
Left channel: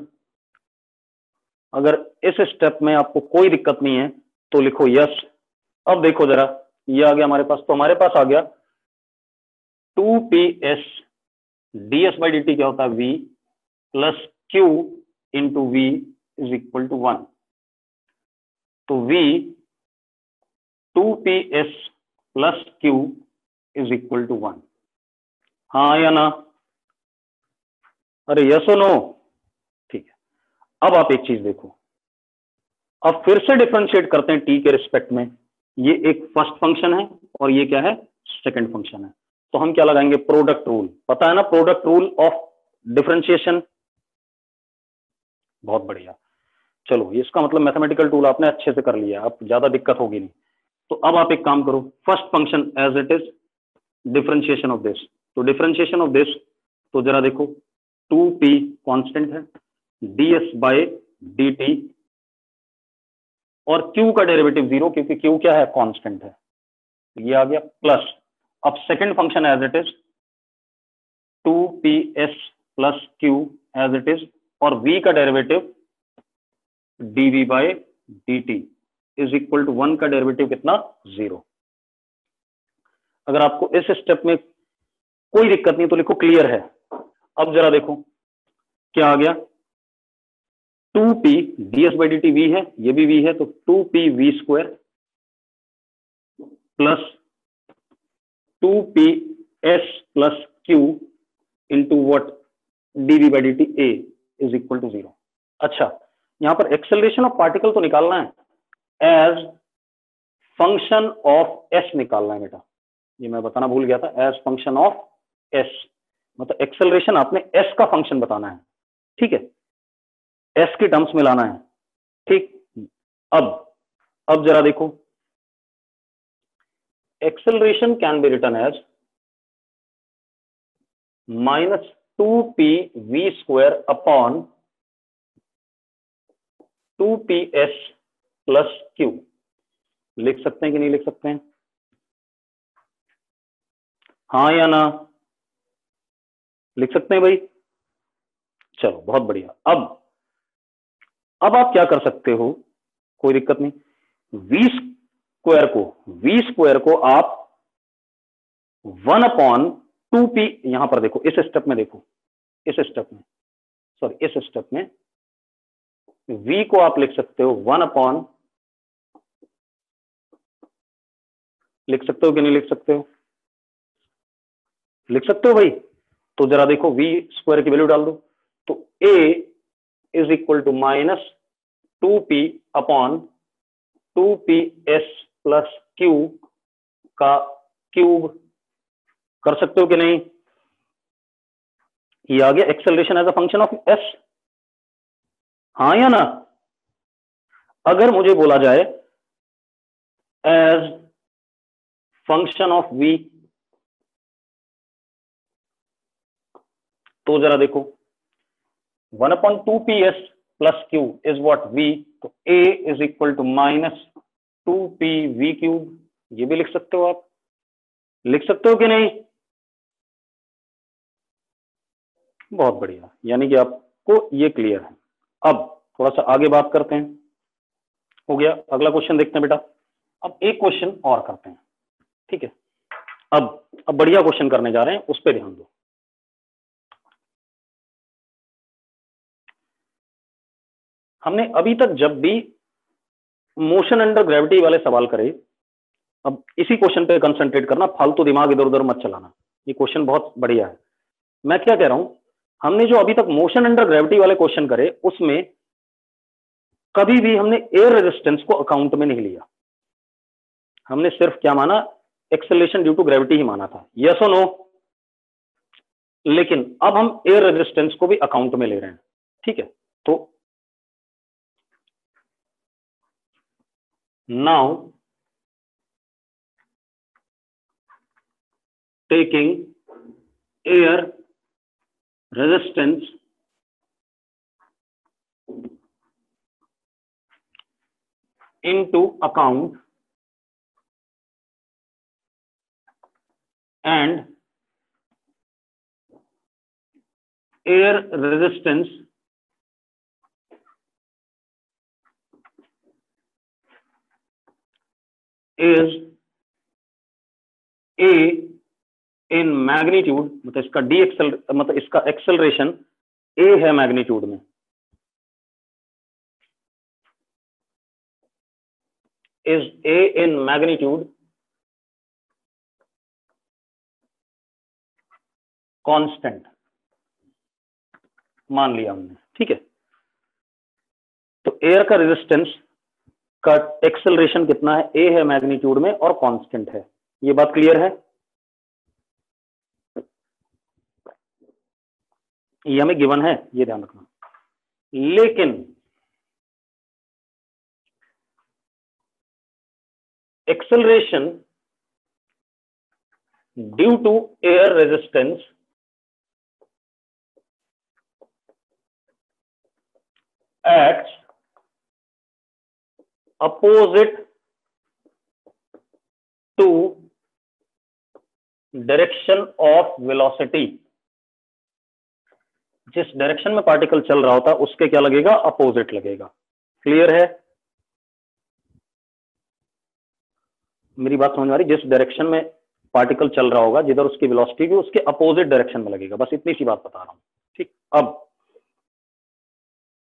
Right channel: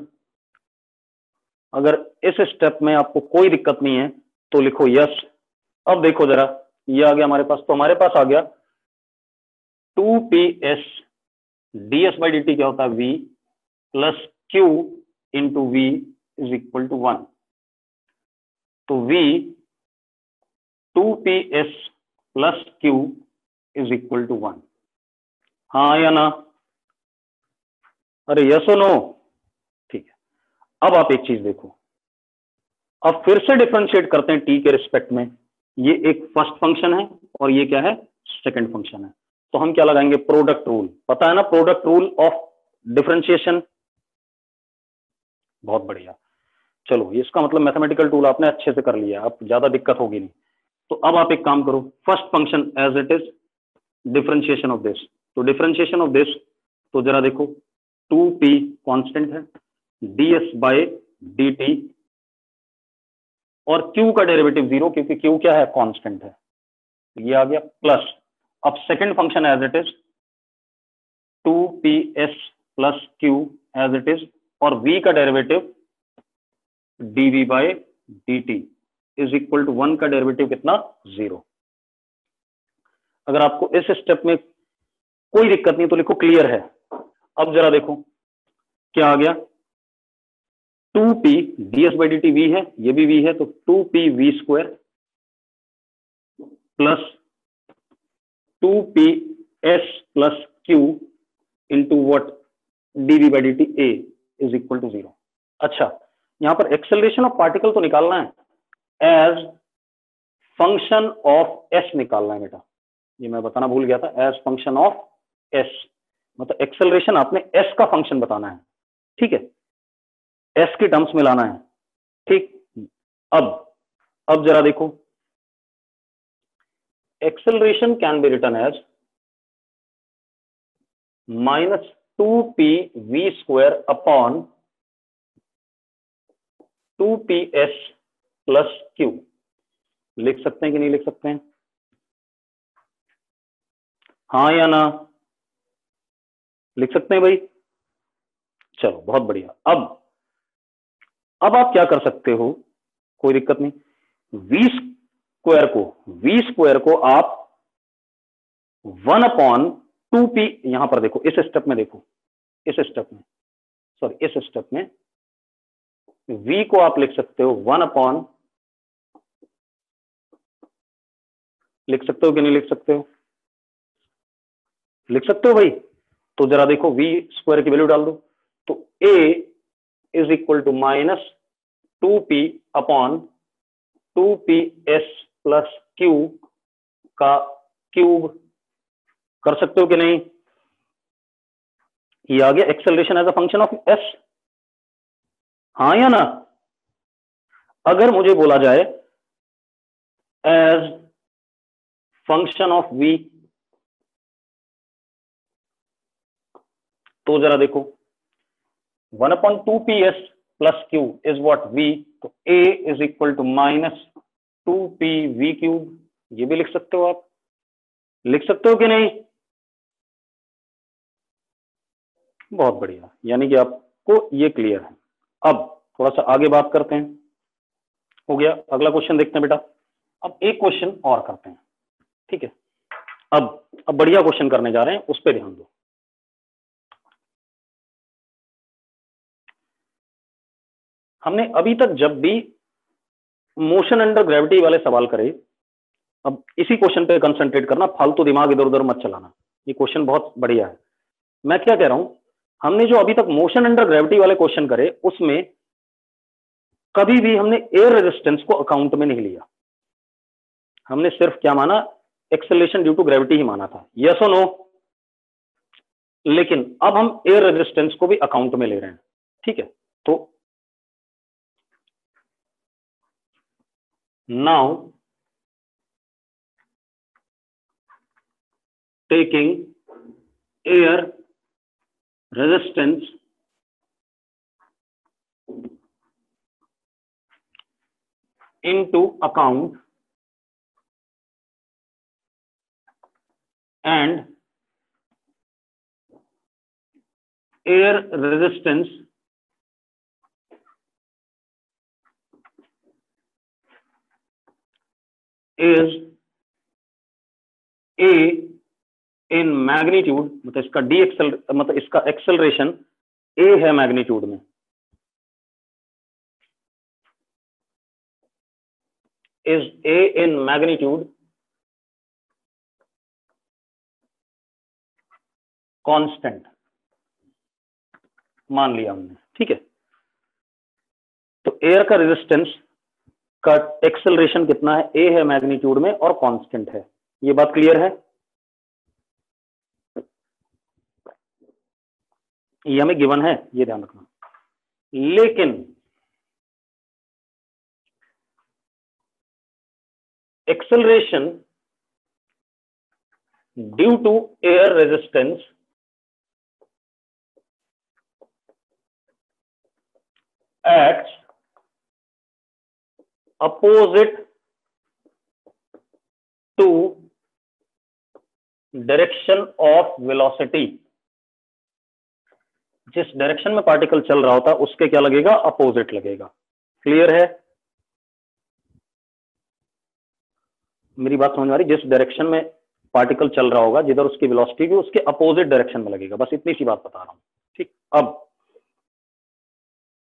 अगर इस स्टेप में आपको कोई दिक्कत नहीं है तो लिखो यस। अब देखो जरा, ये आ गया हमारे पास, तो हमारे पास आ गया 2ps ds by d T क्या होता है, v plus q into v is equal to 1। तो v 2ps plus q is equal to 1। हाँ या ना? अरे यस और नो? ठीक है, अब आप एक चीज देखो, अब फिर से डिफरेंशिएट करते हैं टी के रिस्पेक्ट में। ये एक फर्स्ट फंक्शन है और ये क्या है, सेकंड फंक्शन है। तो हम क्या लगाएंगे, प्रोडक्ट रूल। पता है ना प्रोडक्ट रूल ऑफ डिफरेंशिएशन? बहुत बढ़िया, चलो इसका मतलब मैथमेटिकल टूल आपने अच्छे से कर लिया, अब ज्यादा दिक्कत होगी नहीं। तो अब आप एक काम करो, first function as it is, differentiation of this. तो डिफरेंशिएशन ऑफ दिस, तो जरा देखो, 2p कांस्टेंट है, ds बाय dt, और q का डेरिवेटिव 0 क्योंकि q क्या है, कांस्टेंट है, ये आ गया, प्लस अब second function as it is 2ps plus q as it is, और v का derivative dv by dt is equal to 1 का डेरिवेटिव कितना, 0। अगर आपको इस स्टेप में कोई दिक्कत नहीं तो लिखो क्लियर है। अब जरा देखो क्या आ गया, 2p ds by d t v है, ये भी v है, तो 2p v square plus 2ps plus q into what dv by d t a is equal to 0। अच्छा, यहां पर एक्सेलरेशन ऑफ पार्टिकल तो निकालना है, एज फंक्शन ऑफ s निकालना है बेटा, ये मैं बताना भूल गया था, एज फंक्शन ऑफ s, मतलब एक्सेलरेशन आपने s का फंक्शन बताना है। ठीक है, s की टर्म्स में लाना है। ठीक, अब जरा देखो, acceleration can be written as -2p v square upon 2ps plus q। लिख सकते हैं कि नहीं लिख सकते हैं? हाँ या ना? लिख सकते हैं भाई? चलो बहुत बढ़िया। अब आप क्या कर सकते हो, कोई दिक्कत नहीं, v स्क्वायर को आप 1 अपॉन 2p, यहां पर देखो इस स्टेप में, देखो इस स्टेप में, सॉरी इस स्टेप में v को आप लिख सकते हो 1 अपॉन, लिख सकते हो कि नहीं लिख सकते हो? लिख सकते हो भाई। तो जरा देखो v स्क्वायर की वैल्यू डाल दो, तो a is equal to -2p upon 2ps plus q का क्यूब। कर सकते हो कि नहीं? ये आ गया acceleration as a function of s। हाँ या ना? अगर मुझे बोला जाए एज फंक्शन ऑफ v, तो जरा देखो 1 upon 2ps plus q is what v, तो a इज इक्वल टू माइनस 2p v क्यूब, ये भी लिख सकते हो आप, लिख सकते हो कि नहीं? बहुत बढ़िया, यानी कि आपको ये क्लियर है। अब थोड़ा सा आगे बात करते हैं, हो गया, अगला क्वेश्चन देखते हैं बेटा। अब एक क्वेश्चन और करते हैं, ठीक है। अब बढ़िया क्वेश्चन करने जा रहे हैं, उस पर ध्यान दो। हमने अभी तक जब भी मोशन अंडर ग्रेविटी वाले सवाल करे, अब इसी क्वेश्चन पे कंसंट्रेट करना, फालतू दिमाग इधर उधर मत चलाना, ये क्वेश्चन बहुत बढ़िया है। मैं क्या कह रहा हूं, हमने जो अभी तक मोशन अंडर ग्रेविटी वाले क्वेश्चन करे, उसमें कभी भी हमने एयर रेजिस्टेंस को अकाउंट में नहीं लिया, हमने सिर्फ क्या माना, एक्सेलरेशन ड्यू टू ग्रेविटी ही माना था, यस और नो? लेकिन अब हम एयर रेजिस्टेंस को भी अकाउंट में ले रहे हैं, ठीक है। तो now taking air resistance into account and air resistance is a in magnitude, मतलब इसका मतलब इसका एक्सेलरेशन a है मैग्नीट्यूड में, is a in magnitude constant मान लिया हमने, ठीक है। तो एयर का रेजिस्टेंस का एक्सेलरेशन कितना है, a है मैग्नीट्यूड में और कांस्टेंट है, ये बात क्लियर है? ये हमें गिवन है, ये ध्यान रखना। लेकिन acceleration due to air resistance acts opposite to direction of velocity, जिस डायरेक्शन में पार्टिकल चल रहा होता उसके क्या लगेगा, अपोजिट लगेगा। क्लियर है? मेरी बात समझ आ रही? जिस डायरेक्शन में पार्टिकल चल रहा होगा, जिधर उसकी वेलोसिटी भी उसके अपोजिट डायरेक्शन में लगेगा, बस इतनी सी बात बता रहा हूं, ठीक। अब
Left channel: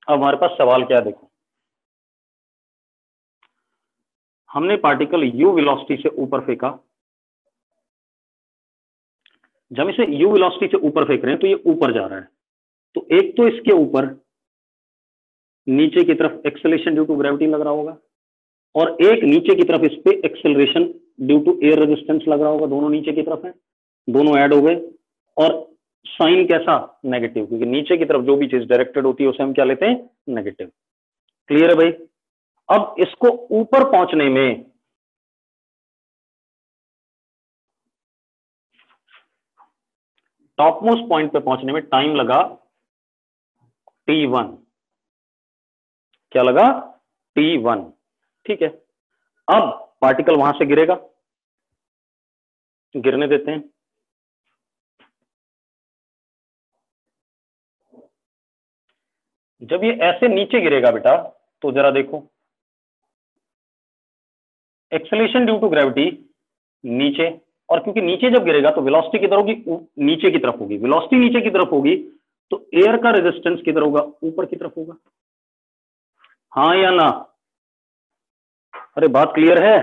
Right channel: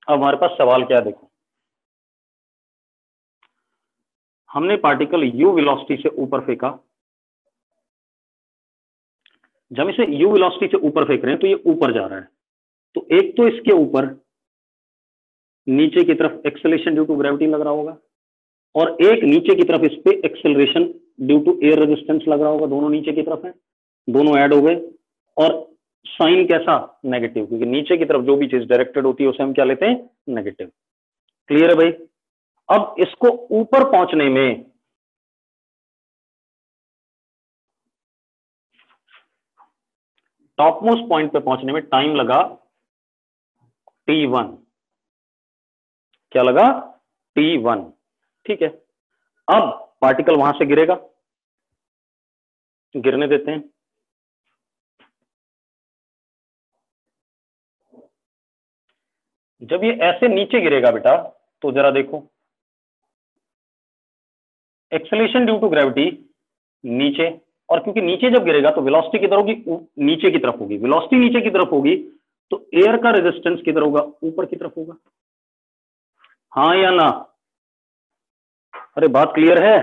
हमारे पास सवाल क्या है, देखो, हमने पार्टिकल u वेलोसिटी से ऊपर फेंका, जब इसे u वेलोसिटी से ऊपर फेंक रहे हैं तो ये ड्यू जा रहा है, तो एक तो इसके ऊपर नीचे की तरफ एक्सेलरेशन ड्यू टू ग्रेविटी लग रहा होगा, और एक नीचे की तरफ इस पे acceleration due to air resistance लग रहा होगा, दोनों नीचे की तरफ है, दोनों ऐड हो गए, और साइन कैसा, नेगेटिव, क्योंकि नीचे की तरफ जो भी चीज डायरेक्टेड होती है उसे हम क्या लेते हैं, नेगेटिव। क्लियर है भाई? अब इसको ऊपर पहुंचने में टॉप मोस्ट पॉइंट पे पहुंचने में टाइम लगा t1, क्या लगा, t1, ठीक है। अब पार्टिकल वहां से गिरेगा, गिरने देते हैं, जब ये ऐसे नीचे गिरेगा बेटा, तो जरा देखो, एक्सेलरेशन ड्यू टू ग्रेविटी नीचे, और क्योंकि नीचे जब गिरेगा तो वेलोसिटी किधर होगी, नीचे की तरफ होगी, वेलोसिटी नीचे की तरफ होगी, तो एयर का रेजिस्टेंस किधर होगा, ऊपर की तरफ होगा, हाँ या ना? अरे बात क्लियर है?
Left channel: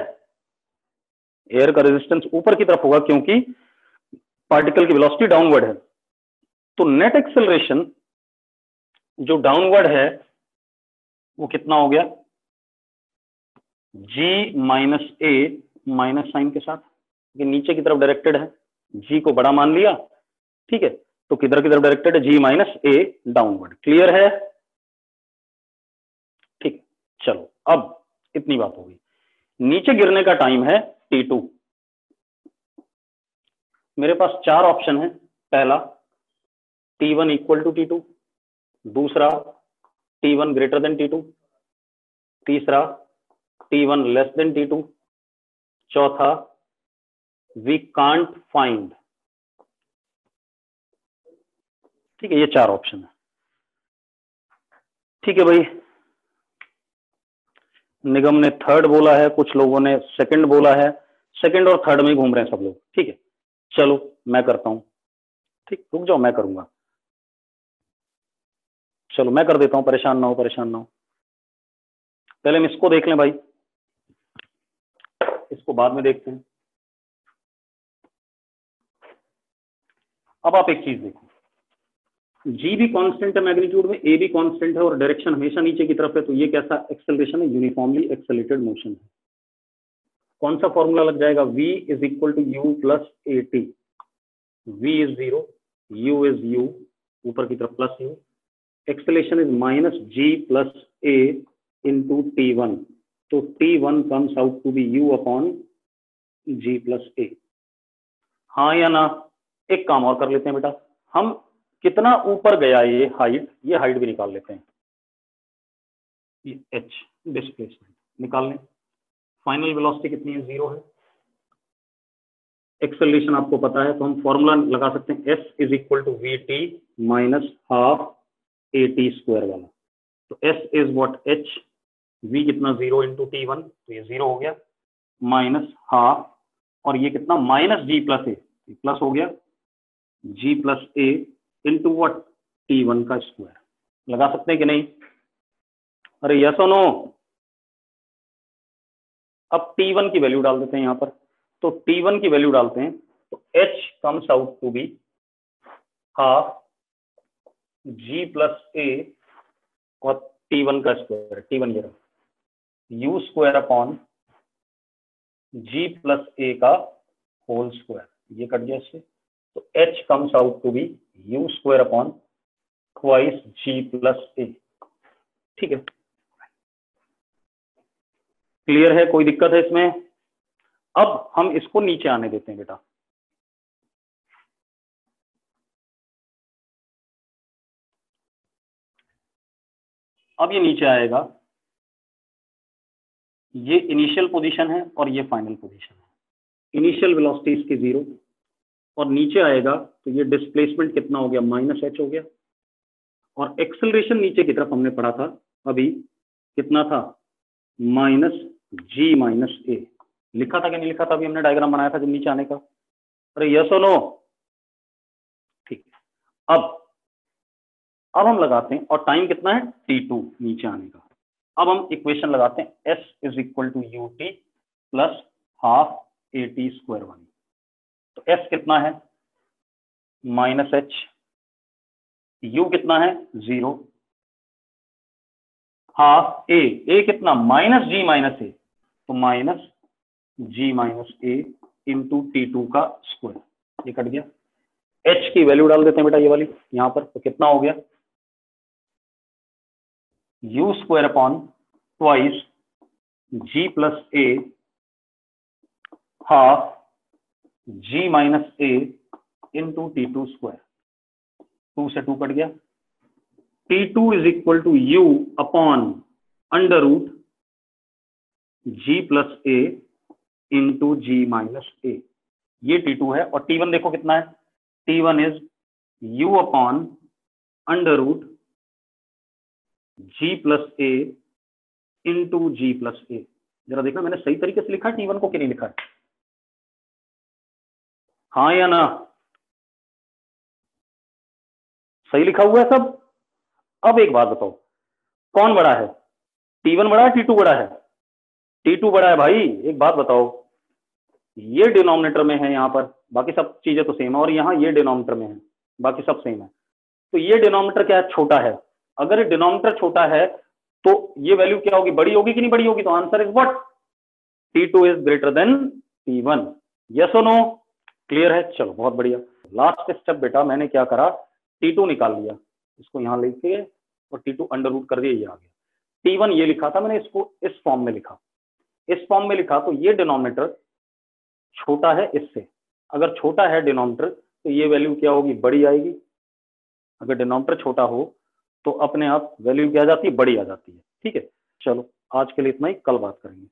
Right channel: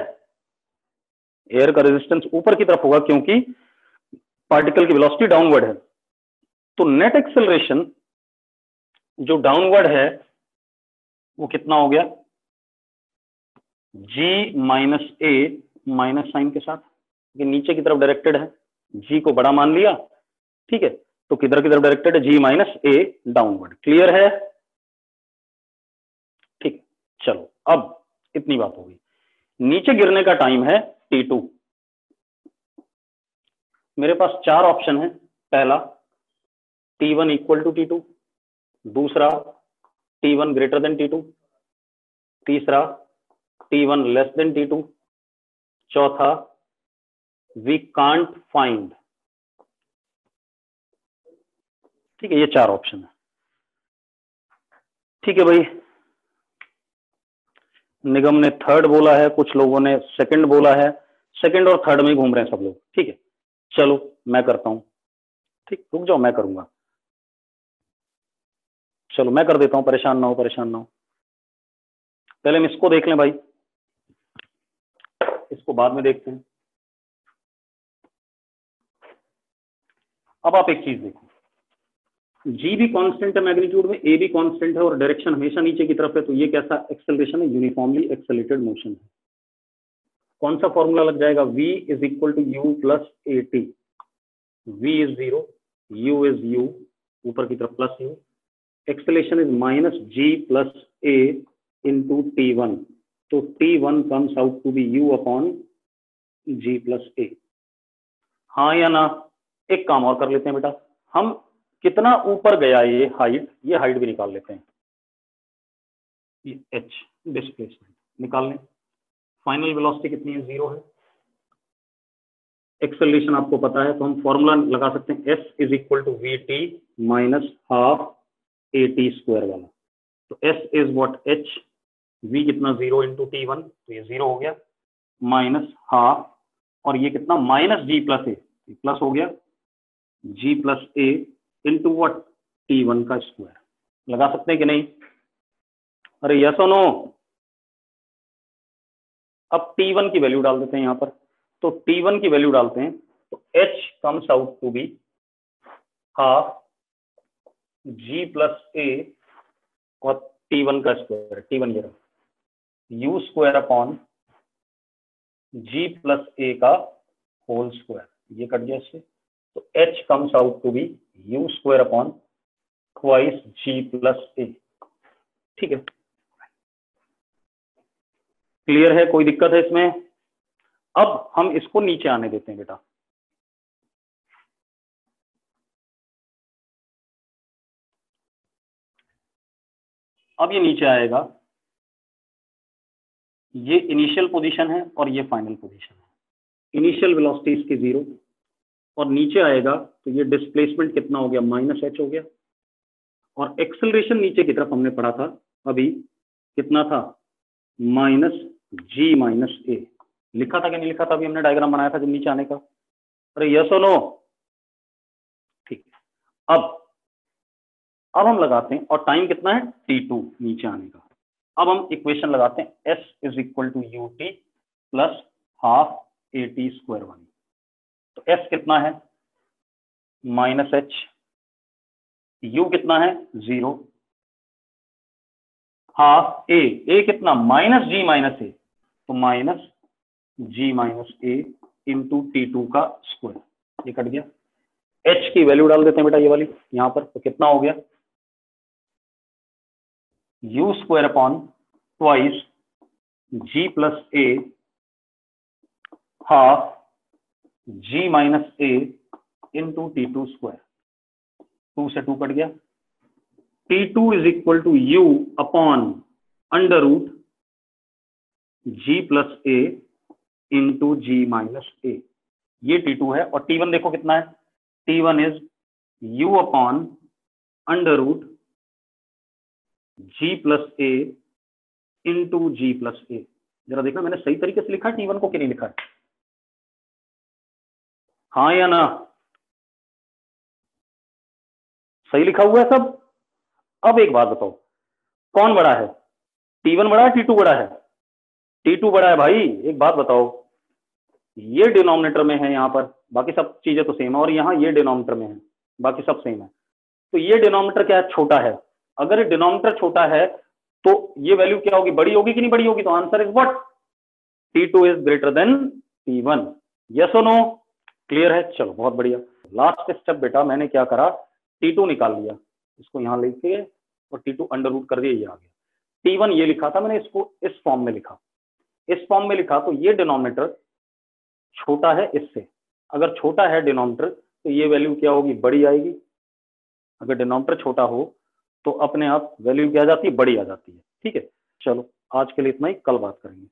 एयर का रेजिस्टेंस ऊपर की तरफ होगा क्योंकि पार्टिकल की वेलोसिटी डाउनवर्ड है, तो नेट एक्सेलरेशन जो डाउनवर्ड है वो कितना हो गया, g माइनस ए माइनस साइन के साथ, ये नीचे की तरफ डायरेक्टेड है, g को बड़ा मान लिया, ठीक है, तो किधर की तरफ डायरेक्टेड है, g माइनस ए डाउनवर्ड। क्लियर है? ठीक, चलो अब इतनी बात होगी। नीचे गिरने का टाइम है t2, मेरे पास 4 ऑप्शन है, पहला t1 इक्वल टू t2, दूसरा T1 ग्रेटर देन T2, तीसरा T1 लेस देन T2, चौथा वी कांट फाइंड। ठीक है, ये 4 ऑप्शन है। ठीक है भाई, निगम ने थर्ड बोला है, कुछ लोगों ने सेकंड बोला है, सेकंड और थर्ड में घूम रहे हैं सब लोग। ठीक है, चलो मैं करता हूं। ठीक, रुक जाओ, मैं करूंगा। चलो मैं कर देता हूं, परेशान ना हो, परेशान ना हो। पहले हम इसको देख लें भाई, इसको बाद में देखते हैं। अब आप एक चीज देखो, जी भी कांस्टेंट है मैग्नीट्यूड में, ए भी कांस्टेंट है और डायरेक्शन हमेशा नीचे की तरफ है, तो ये कैसा एक्सेलरेशन है? यूनिफॉर्मली एक्सेलरेटेड मोशन है। कौन सा फॉर्मूला लग जाएगा? v is equal to u plus a t. v is 0, u is u, ऊपर की तरफ plus u, acceleration is minus g plus a into T1, तो T1 comes out to be u upon g plus a. हाँ या ना? एक काम और कर लेते हैं बेटा, हम कितना ऊपर गया ये हाइट भी निकाल लेते हैं। ये h डिस्प्लेसमेंट निकाल लें। फाइनल वेलोसिटी कितनी है? 0 है। एक्सेलरेशन आपको पता है, तो हम फॉर्मूला लगा सकते हैं, s is equal to V T minus half A T square वाला। तो s is what? h, v कितना? 0 इंटू T1, तो ये 0 हो गया, माइनस हाफ, और ये कितना? Minus g plus a, plus हो गया g plus a into what? T1 का स्क्वायर। लगा सकते हैं कि नहीं? अरे यस और नो? अब T1 की वैल्यू डाल देते हैं यहां पर, तो T1 की वैल्यू डालते हैं, तो h comes out to be half g plus a और T1 का स्क्वायर, T1 ये रहा, u square upon g plus a का होल स्क्वायर, ये कट गया इससे, तो h comes out to be u square upon twice g plus a. ठीक है, क्लियर है? कोई दिक्कत है इसमें? अब हम इसको नीचे आने देते हैं बेटा। अब ये नीचे आएगा, ये इनिशियल पोजीशन है और ये फाइनल पोजीशन है। इनिशियल वेलोसिटी इसकी 0, और नीचे आएगा तो ये डिस्प्लेसमेंट कितना हो गया? माइनस h हो गया, और एक्सेलरेशन नीचे की तरफ हमने पढ़ा था अभी, कितना था? माइनस जी माइनस ए। लिखा था कि नहीं लिखा था? अभी हमने डायग्राम बनाया था जब नीचे आने का। अरे यस और नो? ठीक है, अब हम लगाते हैं, और टाइम कितना है? T2 नीचे आने का। अब हम इक्वेशन लगाते हैं, s is equal to u t plus half A T square वाली। तो s कितना है? माइनस h, u कितना है? 0, हाफ ए कितना? माइनस जी माइनस ए, तो minus ji minus a into T2 का स्क्वायर, ये कट गया। h की वैल्यू डाल देते हैं बेटा ये वाली यहां पर, तो कितना हो गया? u square upon twice g plus a half g minus a into T2 square, 2 से 2 कट गया। T2 is equal to u upon under root g plus a into g minus a, ये T2 है। और T1 देखो कितना है? T1 is u upon under root g plus a into g plus a. जरा देखना मैंने सही तरीके से लिखा है T1 को कि नहीं लिखा है? हाँ या ना? सही लिखा हुआ है सब? अब एक बात बताओ, कौन बड़ा है? T1 बड़ा है, T2 बड़ा है? T2 बड़ा है भाई। एक बात बताओ, ये डिनोमिनेटर में है यहाँ पर, बाकी सब चीजें तो सेम है, और यहाँ ये डिनोमिनेटर में है, बाकी सब सेम है। तो ये डिनोमिनेटर क्या है? छोटा है। अगर ये डिनोमिनेटर छोटा है तो ये वैल्यू क्या होगी? बड़ी होगी कि नहीं बड़ी होगी? तो answer is what? T2 is greater than T1। Yes और नो? क्लियर है? चलो बहुत बढ़िया। लास्ट स्टेप बेटा, मैंने क्या करा? T2 निकाल लिया, इसको यहाँ लेके और T2 अंडर रूट कर दिया, ये आ गया। T1 ये लिखा था मैंने, इसको इस फॉर्म में लिखा, इस फॉर्म में लिखा, तो ये डिनोमिनेटर छोटा है इससे। अगर छोटा है डिनोमिनेटर तो ये वैल्यू क्या होगी? बड़ी आएगी। अगर डिनोमिनेटर छोटा हो तो अपने आप वैल्यू क्या आ जाती है, बड़ी आ जाती है। ठीक है, चलो आज के लिए इतना ही, कल बात करेंगे।